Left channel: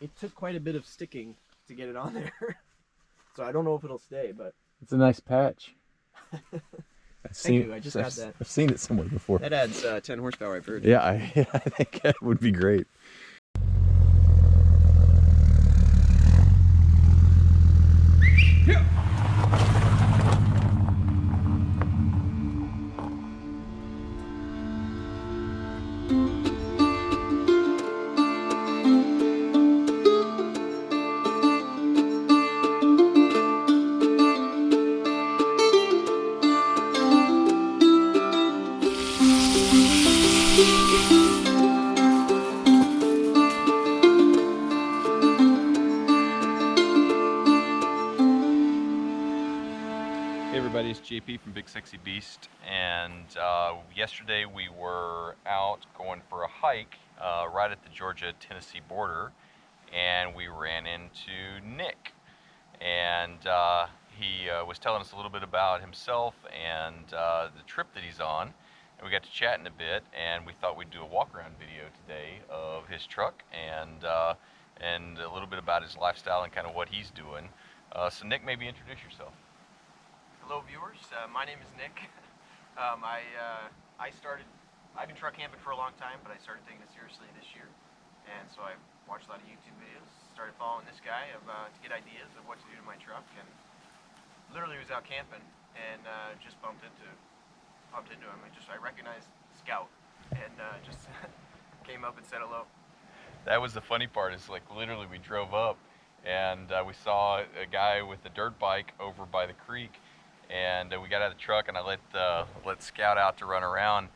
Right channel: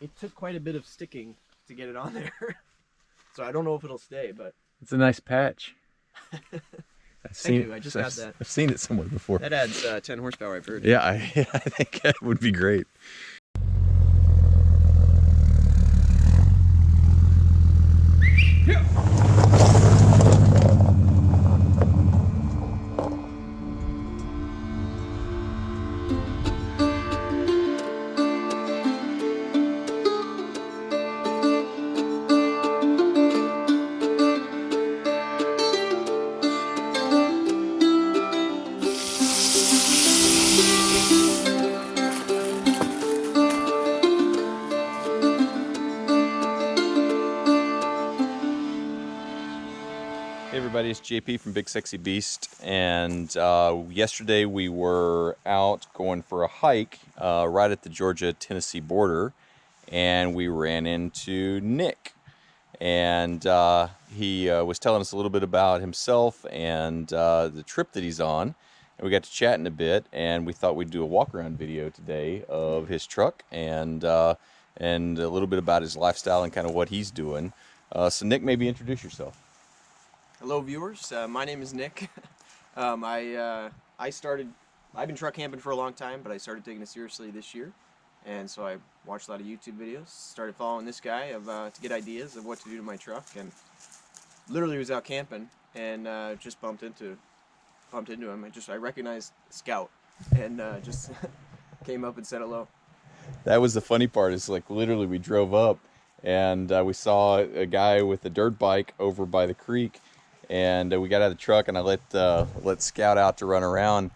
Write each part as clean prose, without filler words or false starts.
it took quite a bit of sticking to get it on there. So I don't know if it'll stay, but it's a nice patch. thank you. I just got that. I've seen it somewhere before. That adds 10 horsepower, I've heard. Yeah, I think that would be great. Hey everybody, it's JP from Big Sexy Beast, and yesterday we were out going for a hike right at the Georgia-Tennessee border, and we ran into Nick, and he was telling us a little bit about himself and the trip that he's on, and we got to chatting a bit, and we thought we'd do a walk-around video today of his truck and a little bit about his lifestyle and kind of what he's doing. So Nick, maybe introduce yourself. Hello viewers, my name is Nick. I've been truck camping for a long time, but I started taking it seriously this year. And so I watched a lot of YouTube videos, started following this guy to get ideas of what to do to my truck, and literally was out camping and just bumped into him. I recognized Scout and just came up and said hello. That was the funny part, is like literally we drove up and we saw a guy with a dirt bike over by the creek, and we got out of the truck and I let Scout out to run around,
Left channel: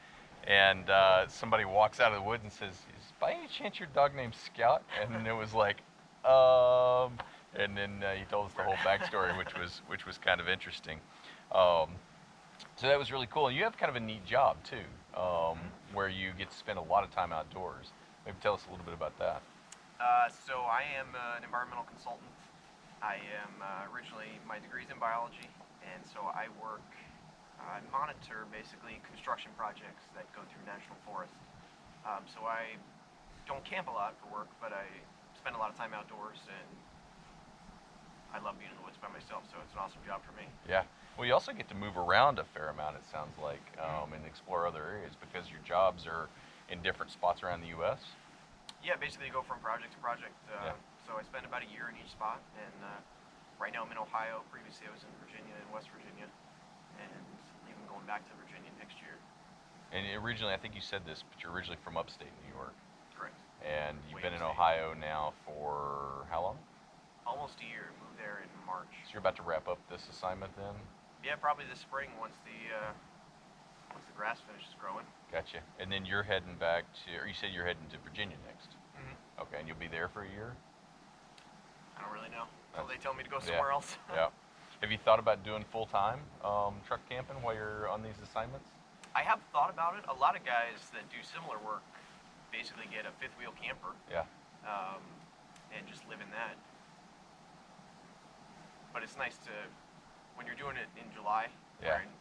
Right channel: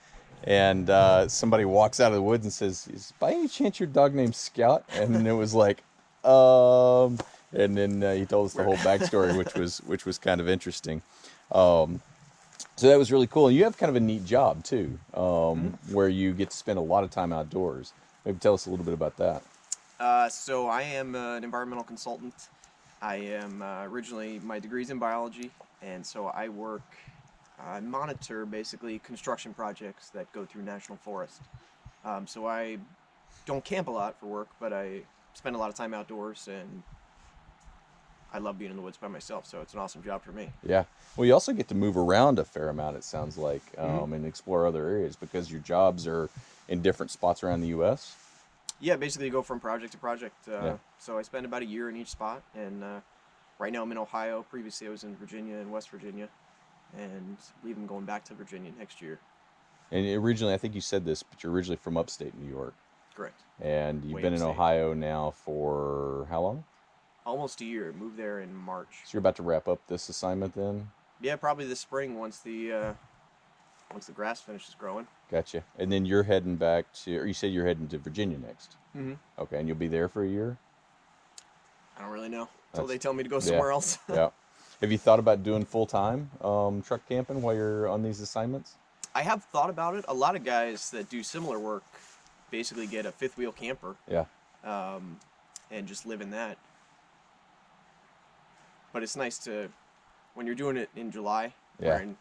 and somebody walks out of the woods and says, "Is by any chance your dog named Scout?" And it was like, and then he told us the whole backstory, which was kind of interesting. So that was really cool. And you have kind of a neat job too, where you get to spend a lot of time outdoors. Maybe tell us a little bit about that. So I am an environmental consultant. I am originally, my degree's in biology, and so I monitor basically construction projects that go through national forest. So I don't camp a lot for work, but I spend a lot of time outdoors, and I love being in the woods by myself, so it's an awesome job for me. Yeah. Well, you also get to move around a fair amount, it sounds like, and explore other areas because your jobs are in different spots around the U.S. Yeah, basically go from project to project. Yeah. So I spend about a year in each spot, and right now I'm in Ohio. Previously I was in Virginia and West Virginia, and leaving going back to Virginia next year. And originally, I think you said this, but you're originally from upstate New York. Correct. And you've Way been in upstate. Ohio now for how long? Almost a year. Moved there in March. So you're about to wrap up this assignment then? Yeah, probably this spring once the grass finishes growing. Gotcha. And then you're heading back to, or you said you're heading to Virginia next. Mm-hmm. Okay, and you'll be there for a year? I don't really know until they tell me to go somewhere else. Yeah. Have you thought about doing full-time truck camping while you're on these assignments? I have thought about it. A lot of guys that do similar work basically get a fifth wheel camper. Yeah. And just live in that. But it's nice to, when you're doing it in July, wearing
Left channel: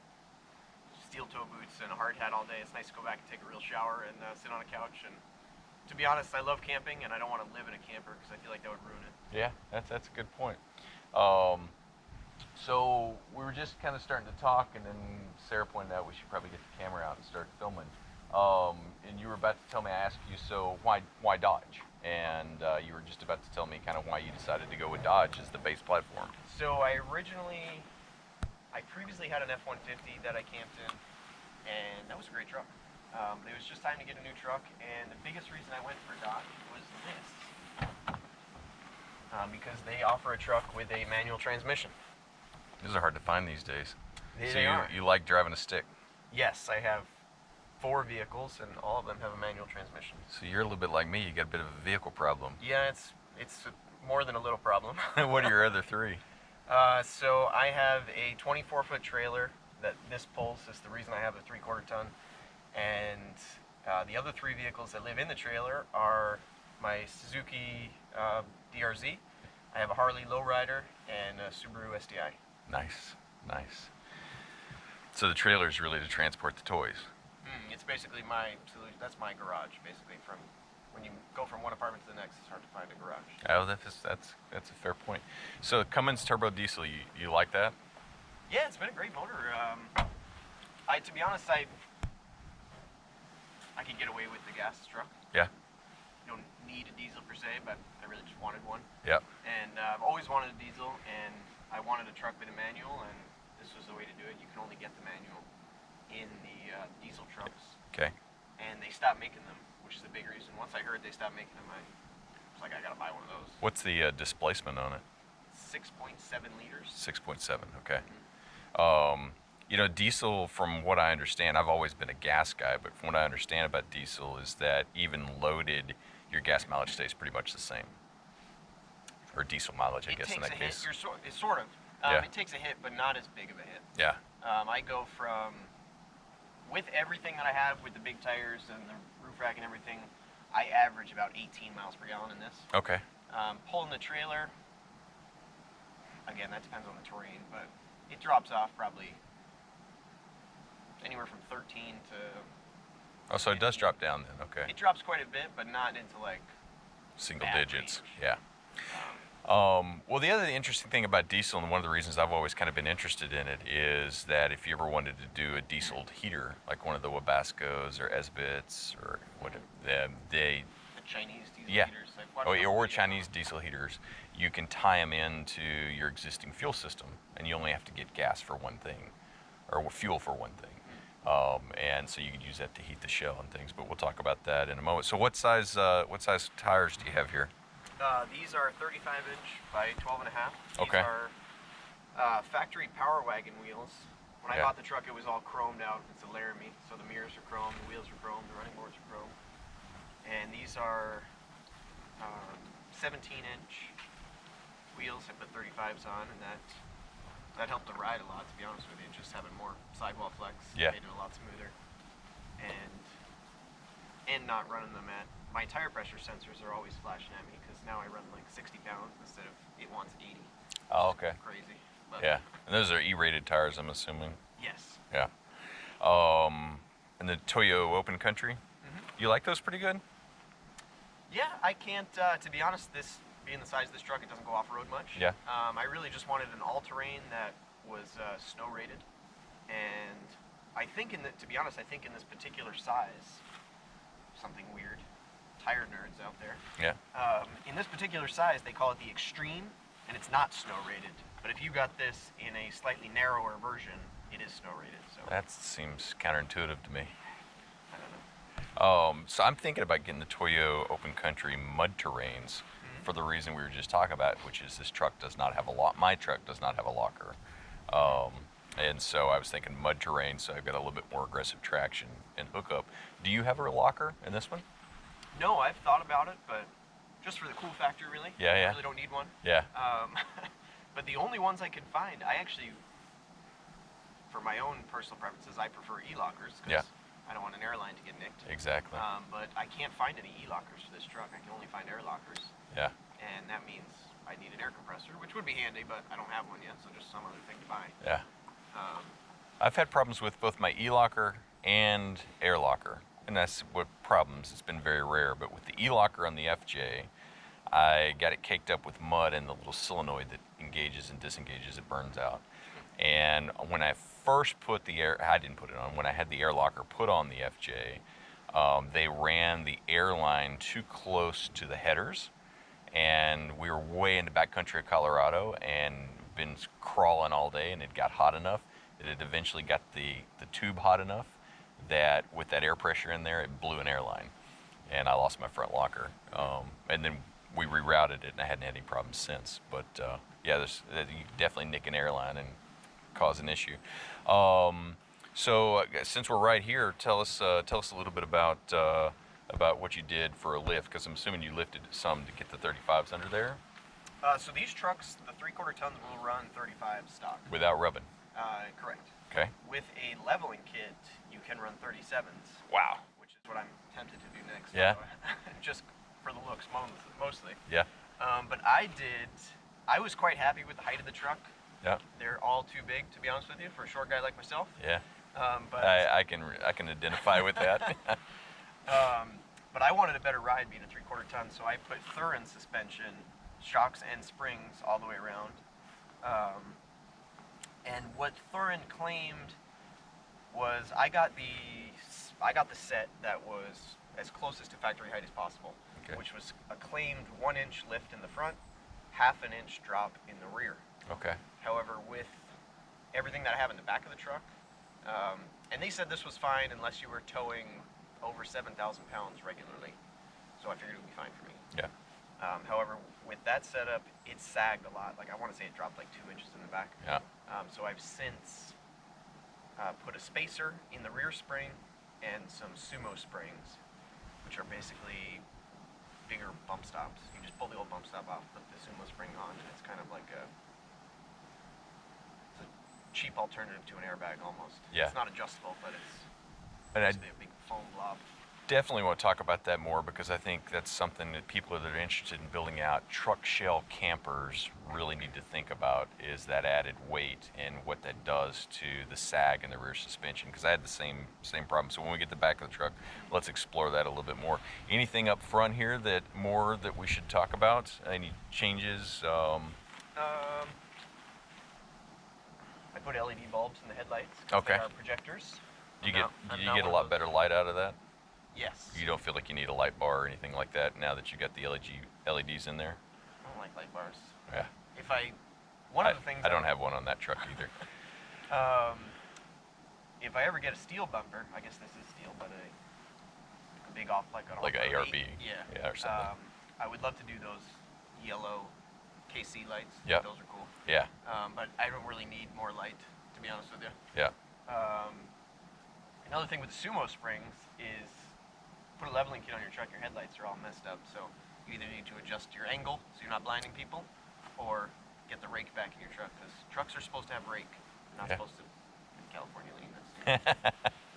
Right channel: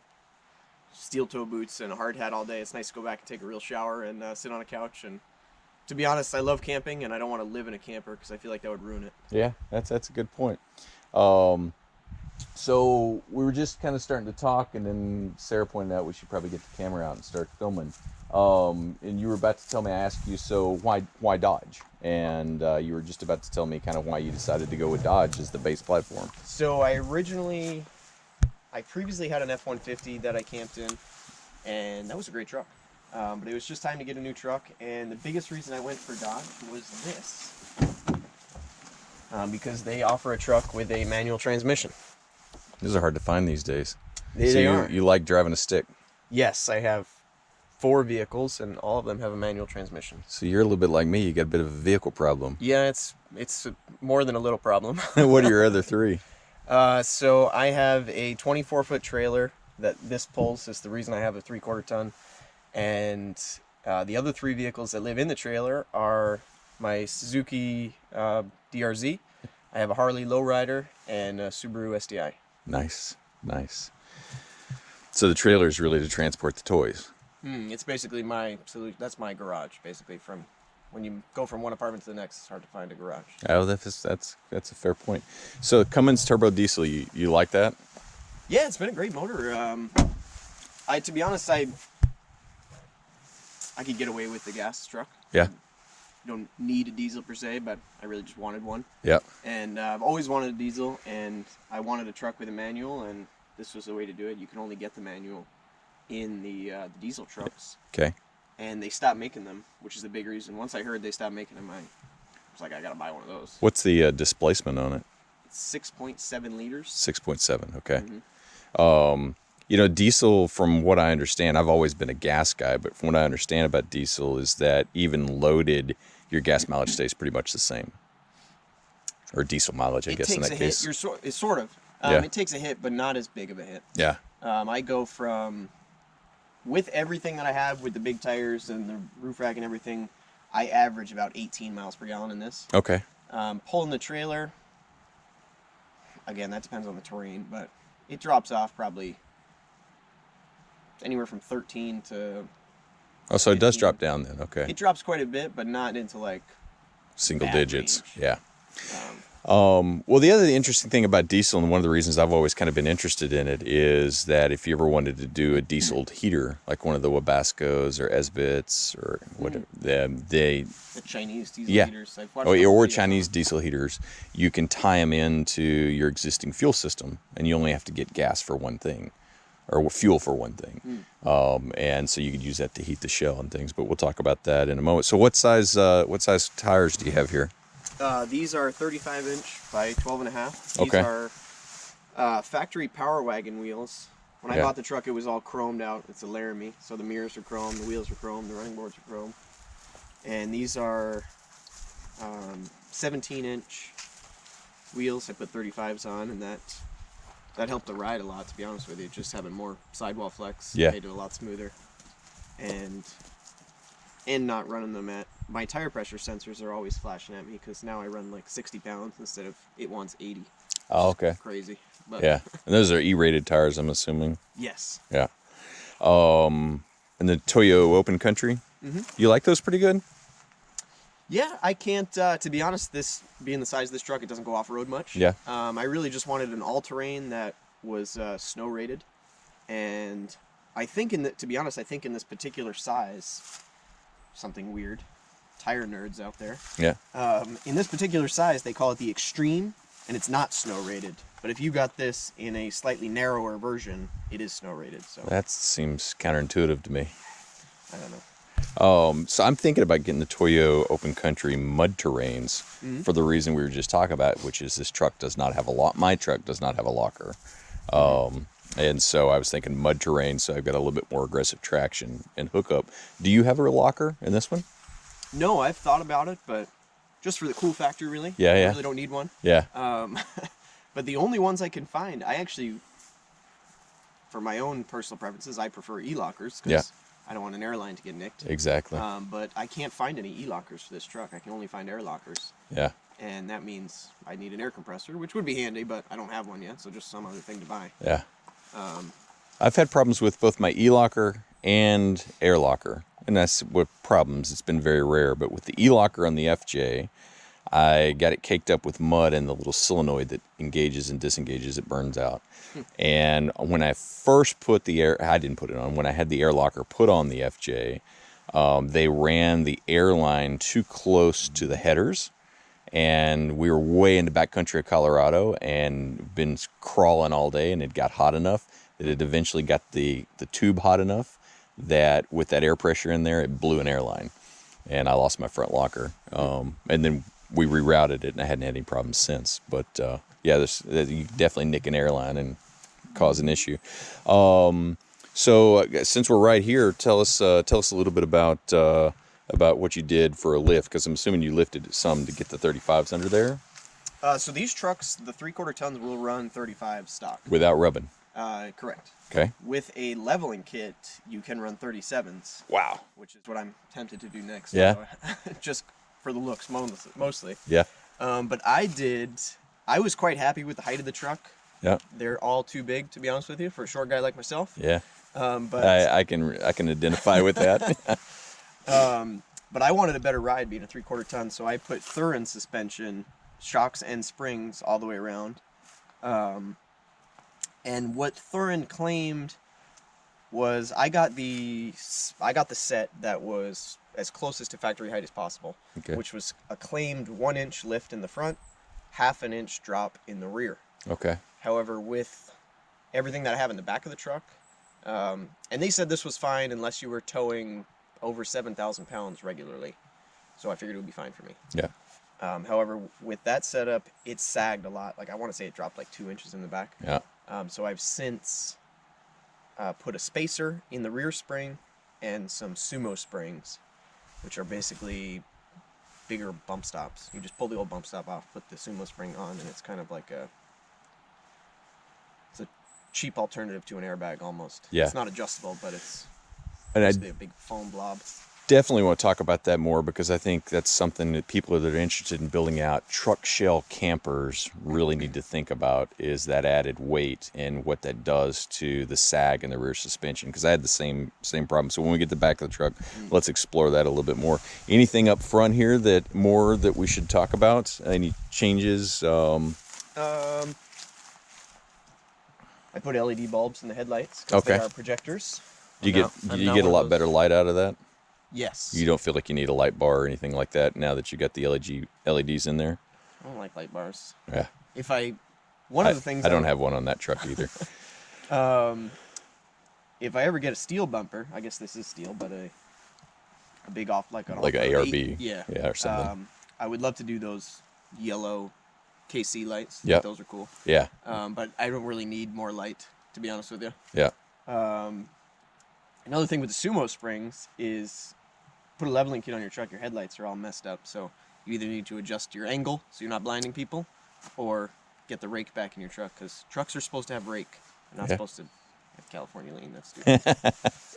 steel toe boots and a hard hat all day, it's nice to go back and take a real shower and sit on a couch. And to be honest, I love camping, and I don't want to live in a camper because I feel like that would ruin it. Yeah, that's a good point. So we were just kind of starting to talk, and then Sarah pointed out we should probably get the camera out and start filming. And you were about to tell me, I asked you, so why Dodge? And you were just about to tell me kind of why you decided to go with Dodge as the base platform. So I previously had an F-150 that I camped in, and that was a great truck. But it was just time to get a new truck, and the biggest reason I went for Dodge was this. Because they offer a truck with a manual transmission. These are hard to find these days. They So are. you like driving a stick. Yes, I have 4 vehicles, and all of them have a manual transmission. So you're a little bit like me. You got a bit of a vehicle problem. Yeah, it's more than a little problem. What are your other 3? So I have a 24-foot trailer that this pulls. Is the reason I have a 3/4 ton. And the other 3 vehicles that live in the trailer are my Suzuki DRZ. I have a Harley Lowrider and a Subaru STI. Nice, nice. So the trailer is really to transport the toys. It's basically my solution. That's my garage, basically, from when you go from one apartment to the next, it's hard to find a garage. Oh, that's a fair point. So Cummins turbo diesel, you like that? Yeah, it's been a great motor. To be honest, I could get away with the gas truck. Yeah. You don't need a diesel per se, but I really just wanted one. Yeah. And I've always wanted a diesel, and I wanted a truck with a manual, and this was the way to do it. You can only get the manual in the diesel trucks. Okay. And they stopped making them, which is a big reason. Once I heard they stopped making them, I was like, I gotta buy one of those. What's the displacement on it? 6.7 liters. 6.7. Okay. Mm-hmm. You know, diesel, from what I understand, I've always been a gas guy, but from what I understand about diesel is that even loaded, your gas mileage stays pretty much the same. Or diesel mileage, I guess, in that case. It's sort of. Yeah. It takes a hit, but not as big of a hit. Yeah. I go from, with everything that I have, with the big tires and the roof rack and everything, I average about 18 miles per gallon in this. Okay. Pulling the trailer, again, that depends on the terrain, but it drops off probably anywhere from 13 to Oh, so 15. it does drop down then. Okay. It drops quite a bit, but not into like Single bad digits. range. Yeah. Um, Well, the other interesting thing about diesel, and one of the reasons I've always kind of been interested in it, is that if you ever wanted to do a diesel heater, like one of the Wabascos or Esbits or whatever, the Chinese diesel Yeah. heaters. I've watched a couple or videos Chinese on diesel heaters, you can tie them into your existing fuel system, and you only have to get gas for one thing, or fuel for one thing. And so you could use that to heat the shell and things. But we'll talk about that in a moment. So what size tires do you have here? These are 35-inch by 12.5. These Okay. are factory Power Wagon wheels. When I Yeah. bought the truck, it was all chromed out. It's a Laramie, so the mirrors are chrome, the wheels are chrome, the running boards are chrome. And these are 17-inch wheels. I put 35s on, and that helped the ride a lot, to be honest with you. Just having more sidewall flex Yeah. made it a lot smoother. And not running them at, my tire pressure sensors are always flashing at me, because now I run like 60 pounds instead of it wants 80. Oh, okay. Crazy. But Yeah. And those are E-rated tires, I'm assuming. yes. Yeah. And the Toyo Open Country, you like those pretty good? Yeah, I can't, to be honest, this being the size of this truck, it doesn't go off-road much. Yeah. I really just wanted an all-terrain that was snow rated. And I think to be honest, I think in this particular size, something weird, tire nerds out there. Yeah. In this particular size, they call it the Extreme, and it's not snow rated. But if you got this in a slightly narrower version, it is snow rated. So That seems counterintuitive to me. I don't know. So I'm thinking about getting the Toyo Open Country mud terrains for the reason we were just talking about, which is this truck does not have a lock. My truck does not have a locker. And so I was thinking mud terrain, so I've got a little bit more aggressive traction and hookup. Do you have a locker in this one? No, I've thought about it, but just for the cool factor, really. Yeah, yeah. I really don't need one. Yeah. But the only ones I can find, I actually, for my own personal preferences, I prefer e-lockers, because I don't want an airline to get nicked. Exactly. But I can't find any e-lockers for this truck. I can only find air lockers. Yeah. And that means I need an air compressor, which would be handy, but I don't have one yet, so just some other thing to buy. Yeah. I've had problems with both my e-locker and air locker, and that's what problems. It's been very rare, but with the e-locker on the FJ, I got it caked up with mud, and the little solenoid that engages and disengages, it burns out. And when I first put I didn't put it on. When I had the air locker put on the FJ, they ran the air line too close to the headers, and we were way in the backcountry of Colorado and been crawling all day, and it got hot enough that it eventually got the tube hot enough that with that air pressure in there, it blew an airline, and I lost my front locker. And then we rerouted it, and I hadn't had any problems since. But yeah, you can definitely nick an airline and cause an issue. So since we're right here, tell us a little bit about what you did for a lift, because I'm assuming you lifted some to get the 35s under there. So these trucks, the 3/4 tons, will run 35 stock. Without rubbing. Correct. Okay. With a leveling kit, you can run 37s. Wow. Which is what I'm tempted to do next. Yeah. So, just for the looks mostly. Yeah. But I was quite happy with the height of the truck. Yeah. They're all too big, to be honest with you, for a short guy like myself. Yeah. But I can identify with that. But I wanted a better ride being a 3/4 ton, so I put Thurin suspension, shocks and springs all the way around. And what Thurin claimed was I got the set that was as closest to factory height as possible, Okay. which was a claimed 1-inch lift in the front, 1/2 inch drop in the rear. Okay. However, with everything that I have in the back of the truck, and they said this was fine unless you were towing over 7,000 pounds regularly, so I figured it would be fine for me. Yeah. However, with that setup, it sagged a lot. Like I want to say it dropped like 2 inches in the back. Yeah. So I've since put a spacer in the rear spring and some sumo springs, which are basically bigger bump stops. You just pull the old bump stop off, put the sumo spring on, and it's kind of like it's a cheap alternative to an airbag almost. Yeah. It's not adjustable, but it's And I basically a big foam blob. definitely want to talk about that more because I think that's something that people that are interested in building out truck shell campers really need to think about, is that added weight and what that does to the sag and the rear suspension, because I had the same problem. So when we get to the back of the truck, let's explore that a little bit more. Anything up front here that we should talk about? Any changes? I put LED bulbs in the headlights because Okay. they are projectors. Do you get a lot better light out of that? Yes. You don't feel like you need a light bar or anything like that now that you got the LEDs in there? I don't like light bars. Yeah. One of the things I don't have one on that truck either. if I ever get a steel bumper, I guess this is steel, but a big off like an ARB. yeah, or something. I would love to do those yellow KC lights. Yep. Those are cool. Yeah. But I don't really need more light, to be honest with you. Yeah. Another thing with the sumo springs is put a leveling kit on your truck. Your headlights are all messed up, so you either need to adjust your angle so you're not blinding people, or get the rake back in your truck, because trucks are supposed to have rake. They're not supposed to have California lean. That's stupid.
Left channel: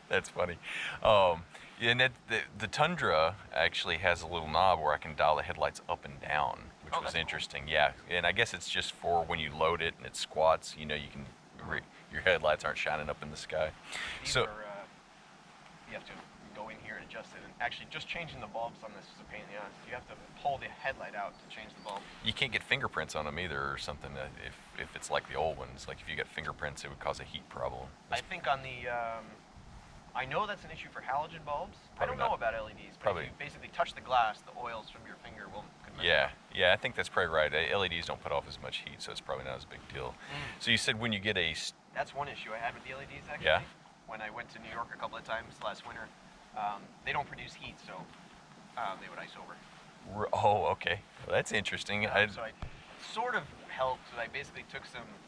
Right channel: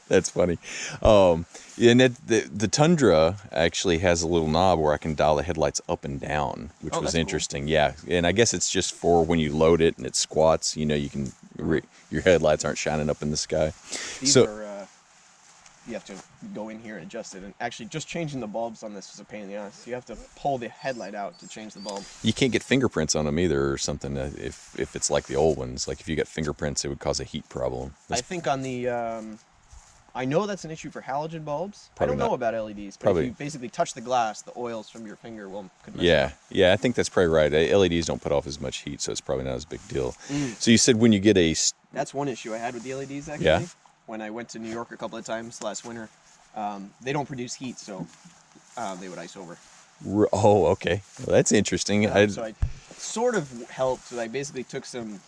That's funny. And the Tundra actually has a little knob where I can dial the headlights up and down, which was that's cool. interesting. Yeah, and I guess it's just for when you load it and it squats. You know, you can your headlights aren't shining up in the sky. These are you have to go in here and adjust it. And actually, just changing the bulbs on this is a pain in the ass. You have to pull the headlight out to change the bulb. You can't get fingerprints on them either, or something. If it's like the old ones, like if you got fingerprints, it would cause a heat problem. I think on the I know that's an issue for halogen bulbs. Probably I don't know not. about LEDs, but Probably. if you basically touch the glass, the oils from your finger could mess it Yeah, up. yeah, I think that's probably right. LEDs don't put off as much heat, so it's probably not as big deal. So you said when you get That's one issue I had with the LEDs, actually. Yeah. When I went to New York a couple of times last winter, they don't produce heat, so they would ice over. Oh, okay. Well, that's interesting. So I sort of helped. So I basically took some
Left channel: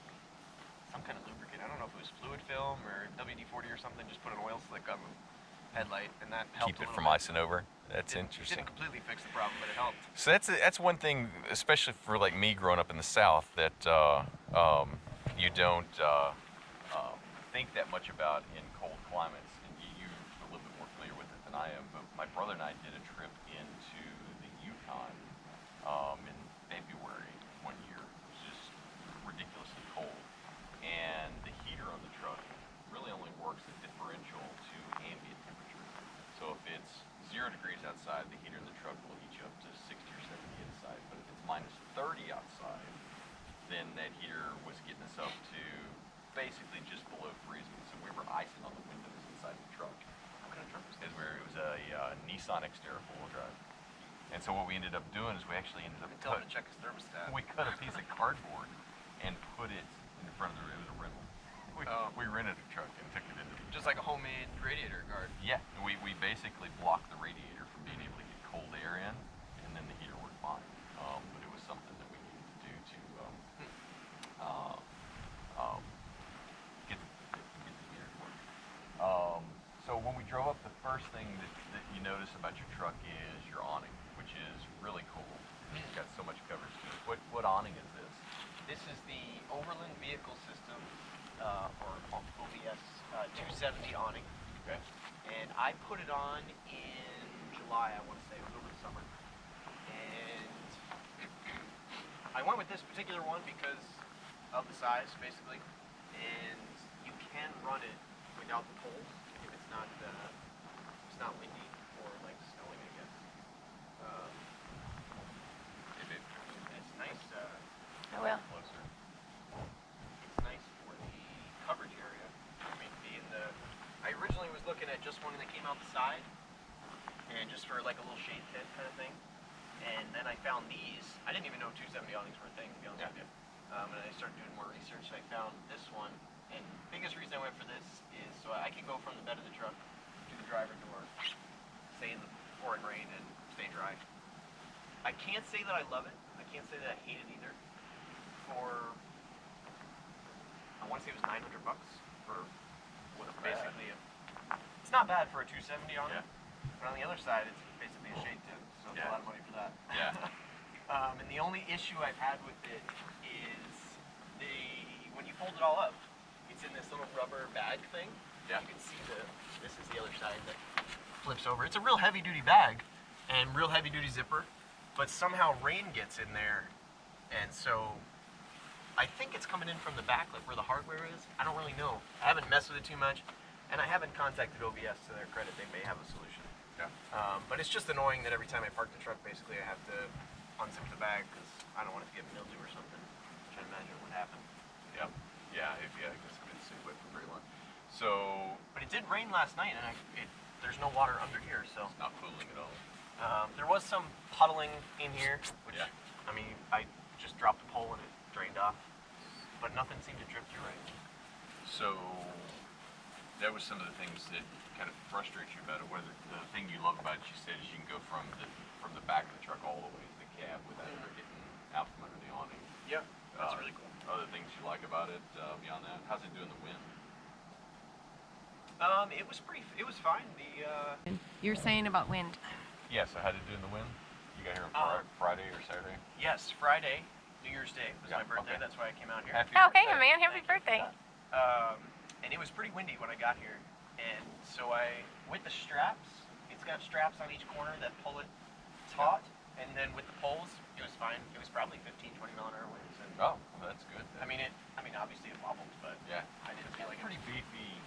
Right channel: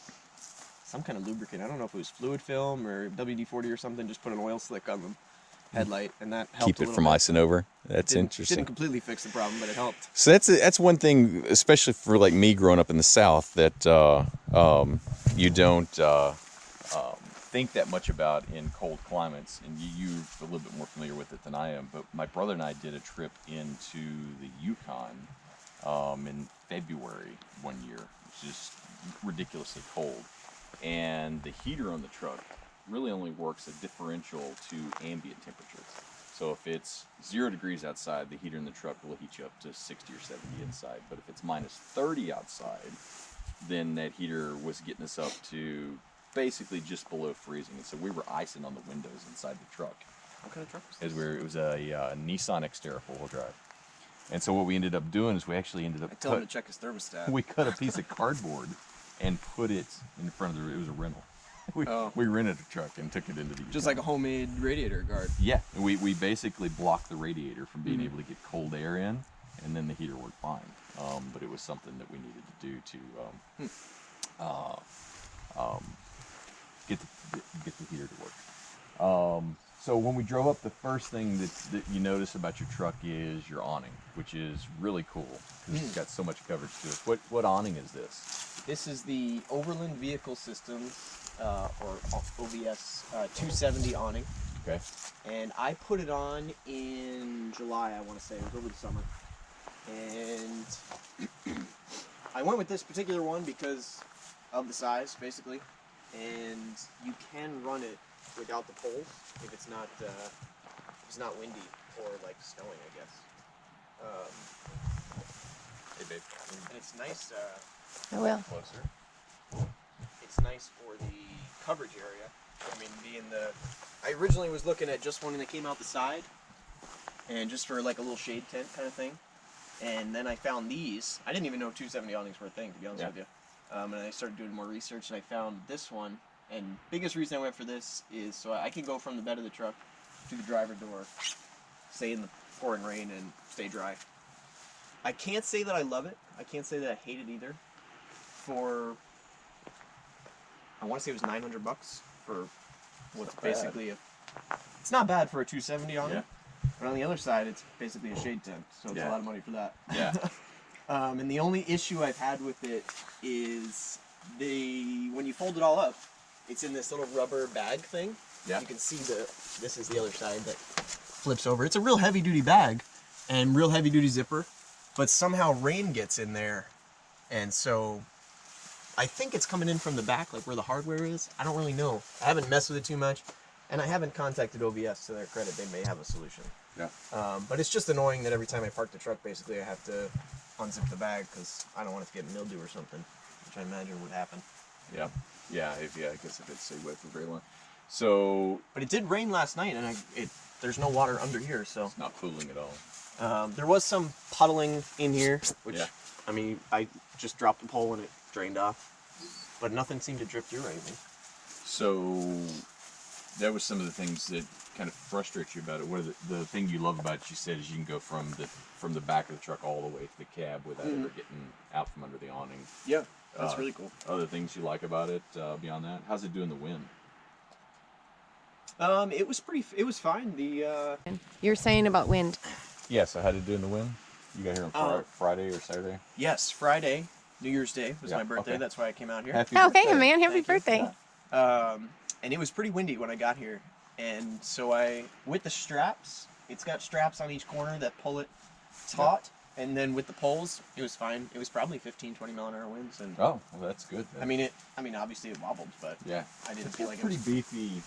kind of lubricant. I don't know if it was fluid film or WD-40 or something. Just put an oil slick on the headlight, and that helped. Keep a it little from bit. icing over. That's Didn't interesting. completely fix the problem, but it helped. So that's one thing, especially for like me growing up in the South, that you don't think that much about in cold climates, and you're a little bit more familiar with it than I am. But my brother and I did a trip into the Yukon in February one year. It was just ridiculously cold, and the heater on the truck really only works a differential to ambient temperatures. So if it's 0 degrees outside, the heater in the truck will heat you up to 60 or 70 inside. But if it's minus 30 outside, then that heater was getting us up to basically just below freezing. And so we were icing on the windows inside the truck. What kind of truck was this? It was a Nissan Xterra 4-wheel drive. And so what we ended up doing is we actually ended up Tell him to check his thermostat. we cut a piece of cardboard and put it in front of it was a rental. We rented a truck and took it into the Just like a homemade radiator guard. Yeah, we basically blocked the radiator from being able to get cold air in, and then the heater worked fine. But it was something that we needed to do to get the heater to work. So when we drove up, the first thing that you notice about your truck is your awning, which is really cool because it's got so much coverage to it. What awning is this? This is the Overland Vehicle Systems, or OVS 270 awning. Okay. And I put it on in July, I want to say. It was over the summer. And I went with this particular one because of the size, basically. And you can run it without the poles if it's not windy. for like snowing, I guess. Hey, babe. It's nice. I will. Closer. It's nice for the coverage area. I mean, I originally was looking at just one that came out the side, and just for like a little shade tent kind of thing. And then I found these. I didn't even know 270 awnings were a thing, to be honest with you. And I started doing more research, and I found this one. And biggest reason I went for this is so I can go from the bed of the truck to the driver door, stay in the pouring rain, and stay dry. I can't say that I love it. I can't say that I hate it either. I want to say it was $900 for what's basically it's not bad for a 270 awning. Yeah. But on the other side, it's basically a shade tent, so it's a lot of money for that. Yeah. And the only issue I've had with it is when you fold it all up, it's in this little rubber bag thing. Yeah. You can see this is the other side that flips over. It's a real heavy duty bag and real heavy duty zipper, but somehow rain gets in there, and so I think it's coming in from the back, like where the hardware is. I don't really know. I haven't messed with it too much, and I haven't contacted OVS. To their credit, they may have a solution. Yeah. But it's just annoying that every time I park the truck, basically I have to unzip the bag because I don't want it to get mildew or something, which I imagine would happen. Yeah. Yeah. I guess if it's stayed wet for very long. So. But it did rain last night, and there's no water under here, so. It's not cooling at all. There was some puddling in here, which, Yeah. I mean, I just dropped the pole and it drained off, but nothing seemed to drip through or anything. So that was some of the things that kind of frustrate you about it. What are the thing you love about it? You said is you can go from the back of the truck all the way to the cab without ever getting out from under the awning. Yeah, that's really cool. Other things you like about it beyond that? How's it doing the wind? It was fine. You're saying about wind. Yeah. So how did it do in the wind? You got here on Friday or Saturday? Yes, Friday, New Year's Day was Yeah, my birthday. okay. That's why I came out here. Happy Oh, hey, birthday. man. Happy Thank you. birthday. And it was pretty windy when I got here. And so with the straps, it's got straps on each corner that pull it taut. And then with the poles, it was fine. It was probably 15, 20 mile an hour winds. And Oh, well, that's good. Then. I mean, obviously it wobbled, but yeah, I didn't it's feel like pretty it was... beefy.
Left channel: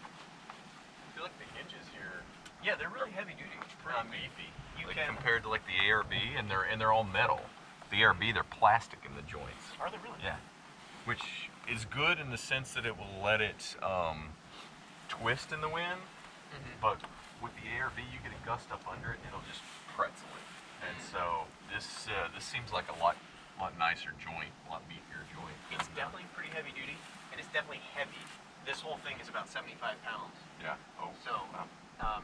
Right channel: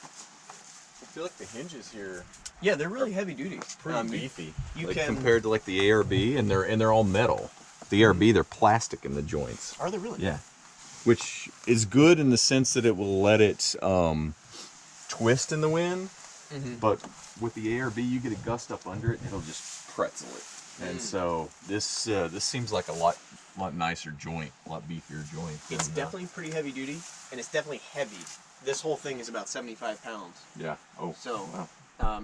I feel like the hinges here Yeah, they're really heavy duty. pretty beefy. You like can... compared to like the ARB, and they're all metal. The ARB, they're plastic in the joints. Are they really? Yeah, which is good in the sense that it will let it twist in the wind. Mm-hmm. But with the ARB, you get a gust up under it, and it'll just pretzel it. And so this seems like a lot nicer joint, a lot beefier joint. It's than, definitely pretty heavy duty, and it's definitely heavy. This whole thing is about 75 pounds. Yeah. Oh. So, wow.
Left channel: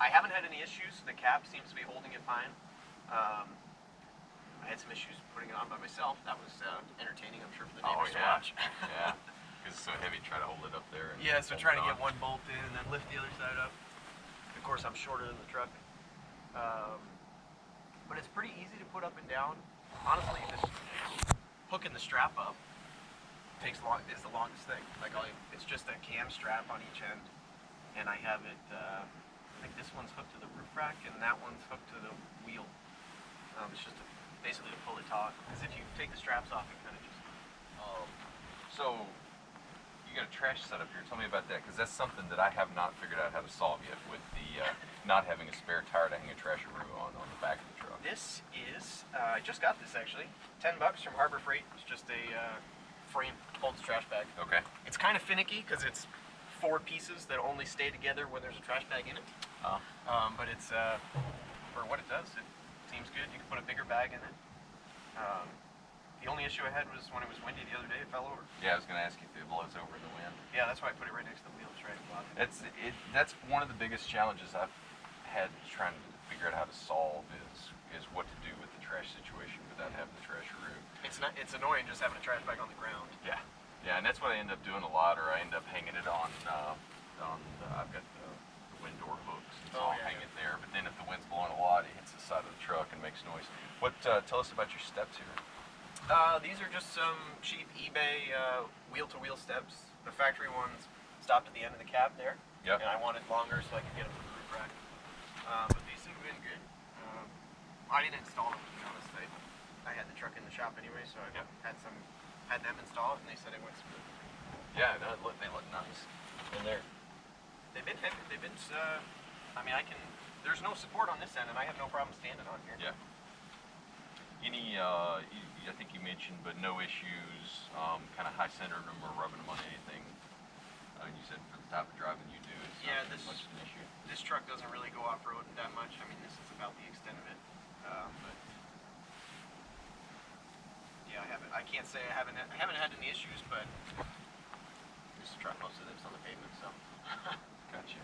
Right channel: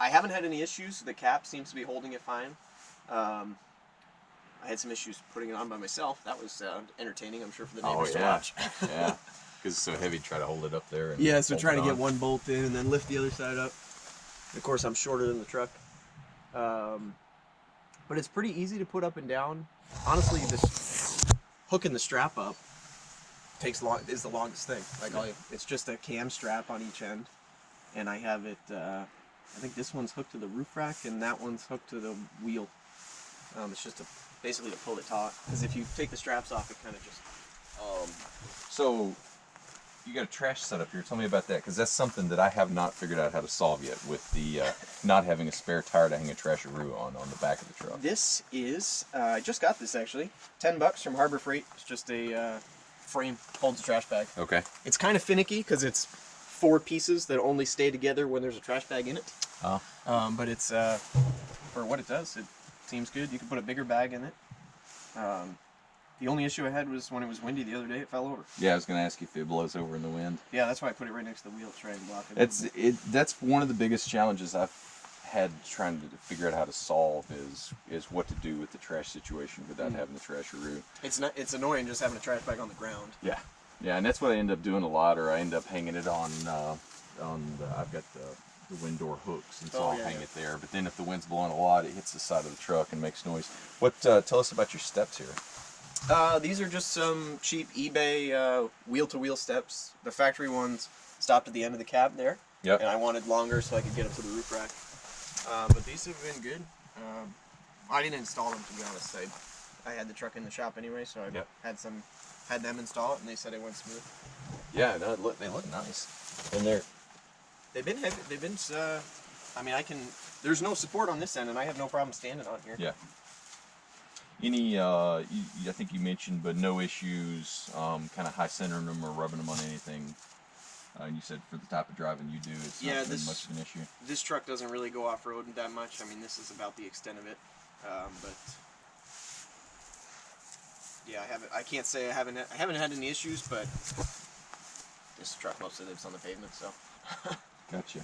I haven't had any issues. The cap seems to be holding it fine. I had some issues putting it on by myself. That was entertaining, I'm sure, for the neighbors to watch. Yeah. Because it's so heavy, try to hold it up there. And Yeah, so hold trying it to get on. one bolt in and then lift the other side up. Of course, I'm shorter than the truck. But it's pretty easy to put up and down. Honestly, this hooking the strap up is the longest thing. Like it's just a cam strap on each end, and I have it. I think this one's hooked to the roof rack, and that one's hooked to the wheel. It's just basically to pull it taut. Because if you take the straps off, it kind of just. So, you got a trash setup here. Tell me about that, because that's something that I have not figured out how to solve yet with the not having a spare tire to hang a trasheroo on the back of the truck. This is I just got this actually. $10 from Harbor Freight. It's just a frame holds a trash bag. Okay. It's kind of finicky because it's 4 pieces that only stay together when there's a trash bag in it. Oh. But it's for what it does, it seems good. You can put a bigger bag in it. The only issue I had was when it was windy the other day, it fell over. Yeah, I was going to ask you if it blows over in the wind. Yeah, that's why I put it right next to the wheel to try and block it. That's one of the biggest challenges I've had trying to figure out how to solve is what to do with the trash situation without having the trasheroo. It's annoying just having a trash bag on the ground. Yeah. Yeah, and that's what I end up doing a lot, or I end up hanging it on I've got the wind door hooks, and so I'll hang it there. But then if the wind's blowing a lot, it hits the side of the truck and makes noise. Tell us about your steps here. These are just some cheap eBay wheel-to-wheel steps. The factory ones stopped at the end of the cab there. Yep. And I wanted longer so I could get up to the roof rack. But these have been good. I didn't install them, to be honest. I had the truck in the shop anyway, so I had them install it, and they said it went smooth. Yeah, no, they look nice. And They've been heavy. I mean, I can. There's no support on this end, and I have no problem standing on here. Yeah. Any, I think you mentioned, but no issues, kind of high centering them or rubbing them on anything. And you said for the type of driving you do, it's not been much of an issue. This truck doesn't really go off-road that much. I mean, this is about the extent of it. But yeah, I can't say I haven't had any issues, but this truck mostly lives on the pavement, so. Gotcha.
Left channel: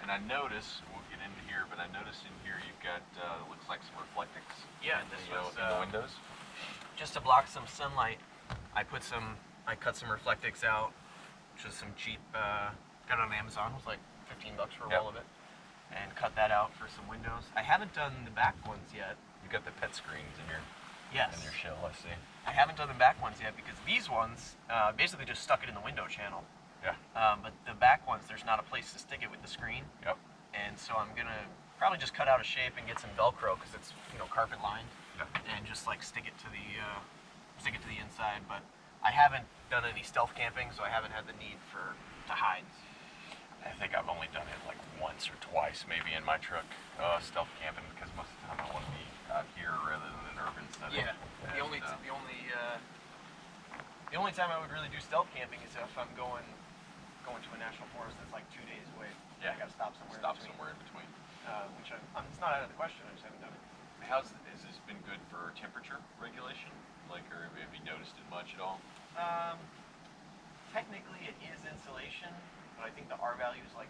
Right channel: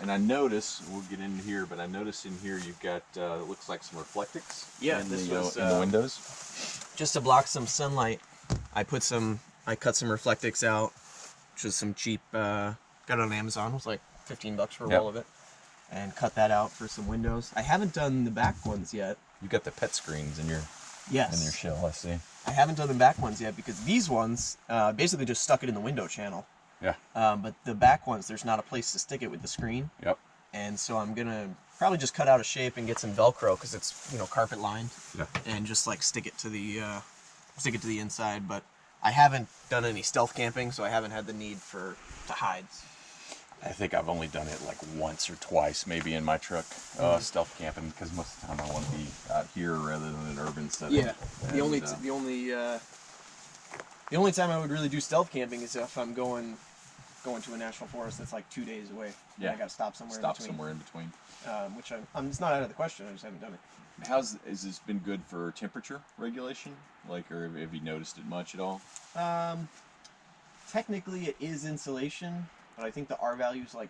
And I notice, we'll get into here, but I noticed in here you've got, it looks like some reflectix in the windows. Just to block some sunlight, I cut some reflectix out, which is some cheap, got it on Amazon. It was like $15 for a roll of it. And cut that out for some windows. I haven't done the back ones yet. You got the pet screens in your shell, I see. I haven't done the back ones yet because these ones basically just stuck it in the window channel. Yeah. But the back ones, there's not a place to stick it with the screen. Yep. And so I'm gonna probably just cut out a shape and get some Velcro because it's carpet lined. Yeah. And just like stick it to the inside. But I haven't done any stealth camping, so I haven't had the need to hide. I think I've only done it like once or twice, maybe in my truck, stealth camping, because most of the time I want to be out here rather than an urban setting. Yeah. The only time I would really do stealth camping is if I'm going to a national forest that's like 2 days away. Yeah. I got to stop somewhere. In between. Which it's not out of the question. I just haven't done it. Has this been good for temperature regulation? Like, or have you noticed it much at all? Technically, it is insulation, but I think the R value is like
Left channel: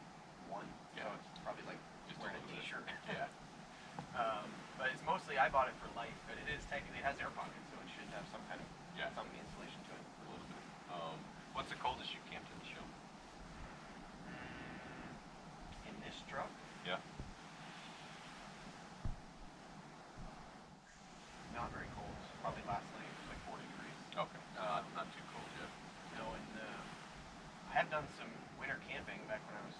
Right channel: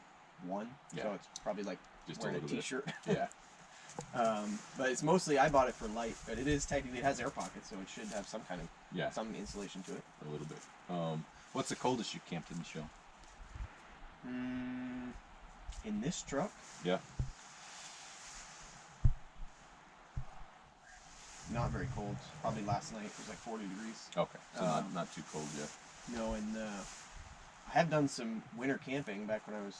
1. Yeah. So it's probably like Just wearing a a little t-shirt. Bit. Yeah. But it's mostly I bought it for light, but it is technically, it has air pockets, so it should have some kind of some insulation to it. A little bit. What's the coldest you camped in the show? In this truck? Yeah. Not very cold. Probably last night it was like 40 degrees. Okay, so not too cold yet. No, and I have done some winter camping back when I was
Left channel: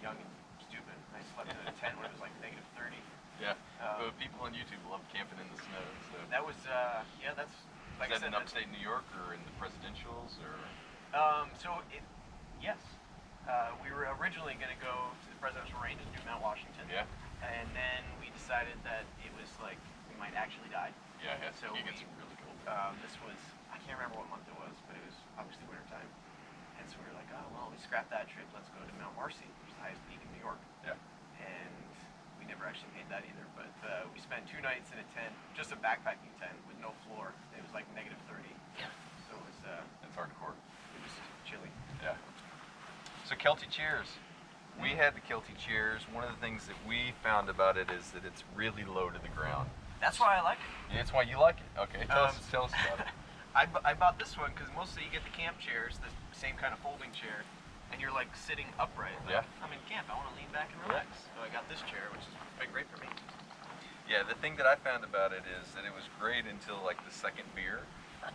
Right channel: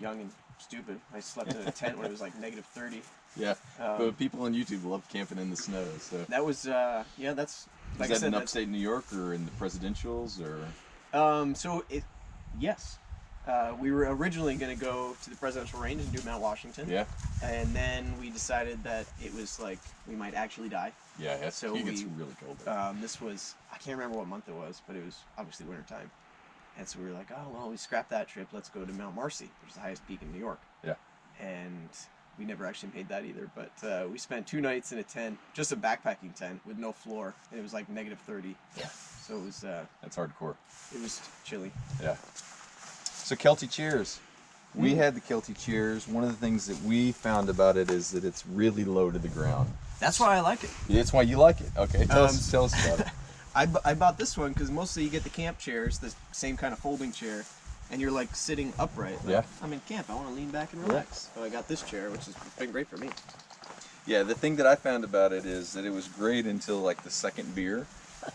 young and stupid. I slept in a tent when it was like -30. Yeah, but people on YouTube love camping in the snow. So that was that's like is I that said, in upstate New York or in the presidentials or? Yes. We were originally going to go to the presidential range and do Mount Washington. Yeah. And then we decided that it was like we might actually die. Yeah, it gets really cold. This was, I can't remember what month it was, but it was obviously wintertime. And so we were like, oh, well, we scrapped that trip. Let's go to Mount Marcy, which is the highest peak in New York. Yeah. And we never actually made that either. But we spent 2 nights in a tent, just a backpacking tent with no floor. And it was like -30. Yeah. So it was... That's hardcore. It was chilly. Yeah. So Kelty chairs. We had the Kelty chairs. One of the things that we found about it is that it's really low to the ground. That's why I like it. That's why you like it. Okay, tell us about it. I bought this one because mostly you get the camp chairs, the same kind of folding chair, and you're like sitting upright. Like, I'm in camp. I want to lean back and relax. So I got this chair, which has been great for me. Yeah, the thing that I found about it is that it was great until like the second beer.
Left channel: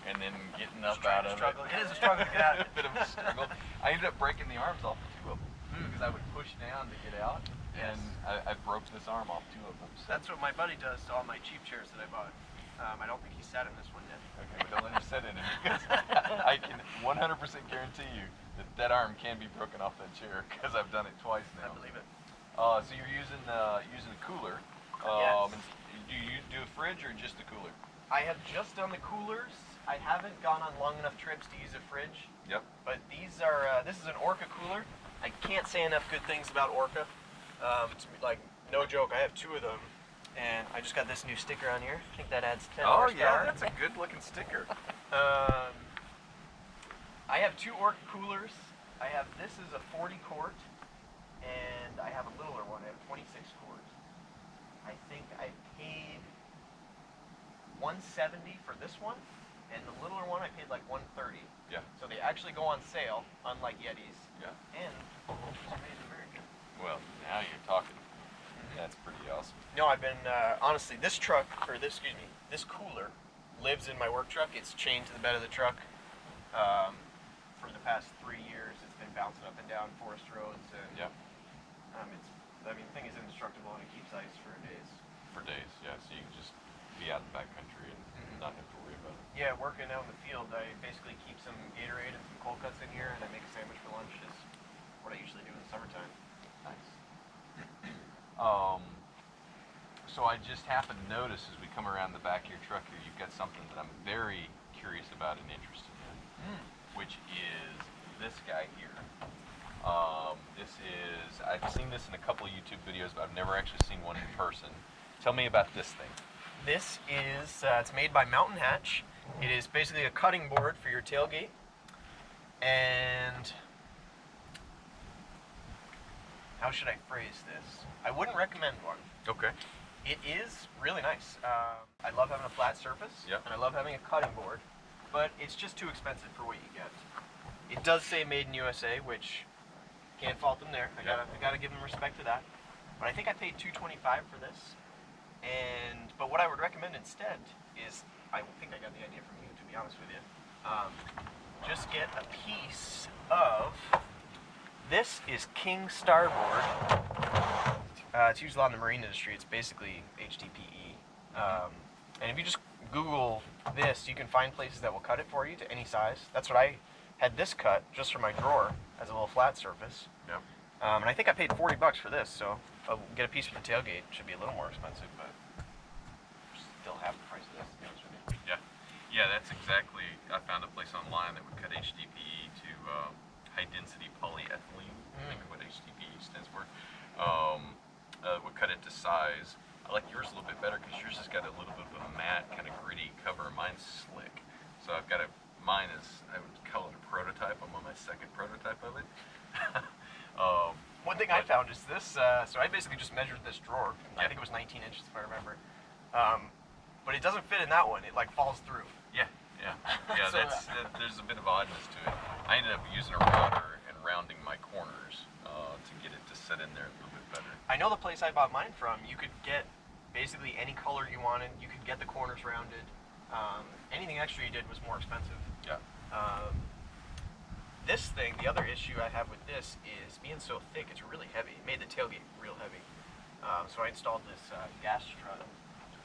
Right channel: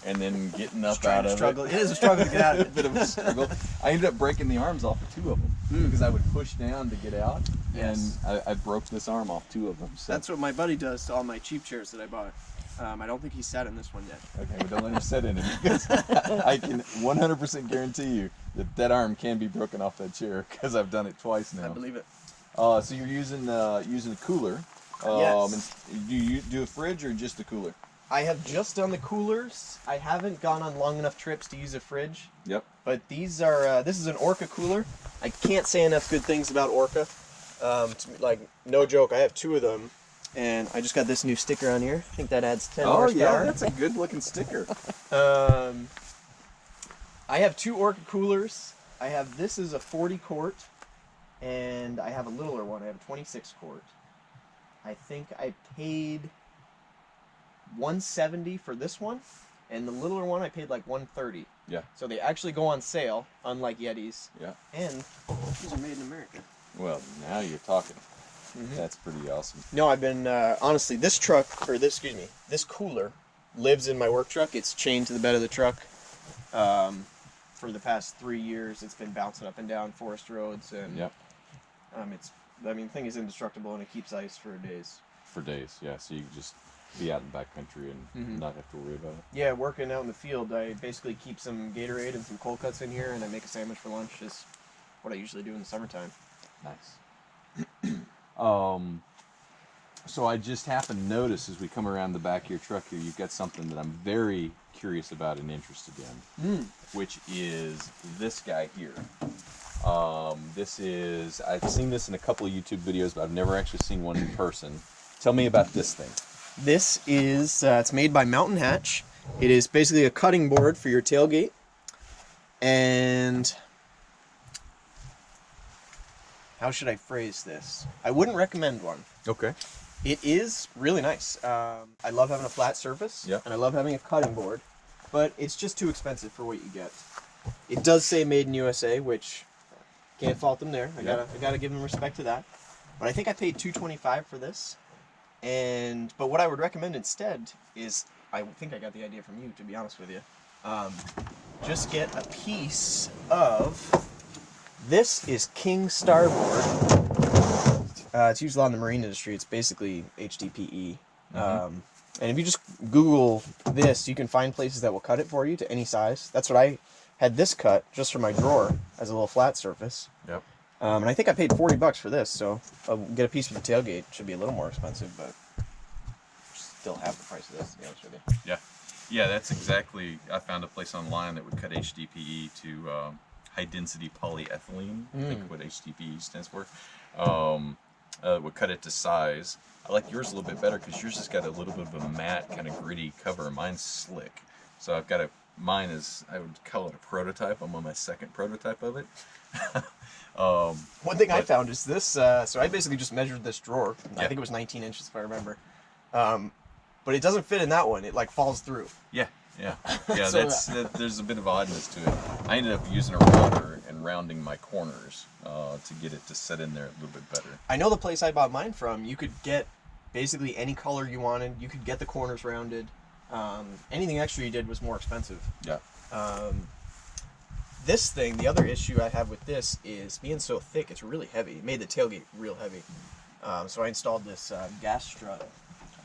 And then getting up out of it. It is a struggle to get out of it. A bit of a struggle. I ended up breaking the arms off of 2 of them because I would push down to get out, and I broke this arm off 2 of them. So. That's what my buddy does to all my cheap chairs that I bought. I don't think he sat in this one yet. Okay, well, don't let him sit in it because I can 100% guarantee you that arm can be broken off that chair because I've done it twice now. I believe it. So you're using a cooler. Yes. Do you do a fridge or just the cooler? I have just done the coolers. I haven't gone on long enough trips to use a fridge. Yep. But these are, this is an Orca cooler. I can't say enough good things about Orca. Like, no joke, I have 2 of them. And I just got this new sticker on here. I think that adds 10 horsepower. Oh yeah, that's a good looking sticker. I have 2 Orca coolers. This is a 40 quart. And I have a littler one. I have a 26 quart. I think I paid $170 for this one, and the littler one I paid like $130. Yeah. So they actually go on sale, unlike Yetis. Yeah. And these are made in America. Well, now you're talking. That's pretty awesome. No, I've been honestly, this this cooler lives in my work truck. It's chained to the bed of the truck. For the past 3 years, it's been bouncing up and down forest roads, and the thing is indestructible, and it keeps ice for days. For days, yeah. So you just be out in the backcountry and not have to worry about it. Yeah, working out in the field, I basically keep some Gatorade and some cold cuts in here, and I make a sandwich for lunch. Is what I usually do in the summertime. Nice. So I just happened to notice as we come around the back of your truck here, you've got something that I'm very curious about and interested in, which is this guy here. I've seen this in a couple of YouTube videos, but I've never actually seen one in person. Tell me about this thing. This is, it's made by Mountain Hatch. It is basically a cutting board for your tailgate. And how should I phrase this? I wouldn't recommend one. Okay. It is really nice. I love having a flat surface, Yeah. and I love having a cutting board, but it's just too expensive for what you get. It does say made in USA, which can't fault them there. I gotta give them respect to that. But I think I paid $225 for this. But what I would recommend instead is, I think I got the idea from you, to be honest with you. Just get a piece of, this is King Starboard. It's used a lot in the marine industry. It's basically HDPE. And if you just Google this, you can find places that will cut it for you to any size. That's what I had this cut just for my drawer as a little flat surface. Yep. And I think I paid $40 for this, so I'll get a piece for the tailgate. It should be a little more expensive, but still half the price of this, to be honest with you. Yeah. Yeah, that's exactly, I found a place online that would cut HDPE to high density polyethylene, I think what HDPE stands for. Would cut it to size. I like yours a little bit better because yours has got a little bit of a matte, kind of gritty cover. Mine's slick. So I've got mine is, I would call it a prototype. I'm on my second prototype of it. One thing I found is this, so I basically just measured this drawer. I Yeah. think it was 19 inches if I remember. But it doesn't fit in that one. It like falls through. Yeah, yeah. Yeah, So, there's a bit of oddness to it. I ended up using a router and rounding my corners to get it to set in there a little bit better. I know the place I bought mine from, you could get basically any color you wanted. You could get the corners rounded. Anything extra you did was more expensive. Yeah. This thing, the other issue I have with this is being so thick, it's really heavy. It made the tailgate real heavy. So I installed this gas strut,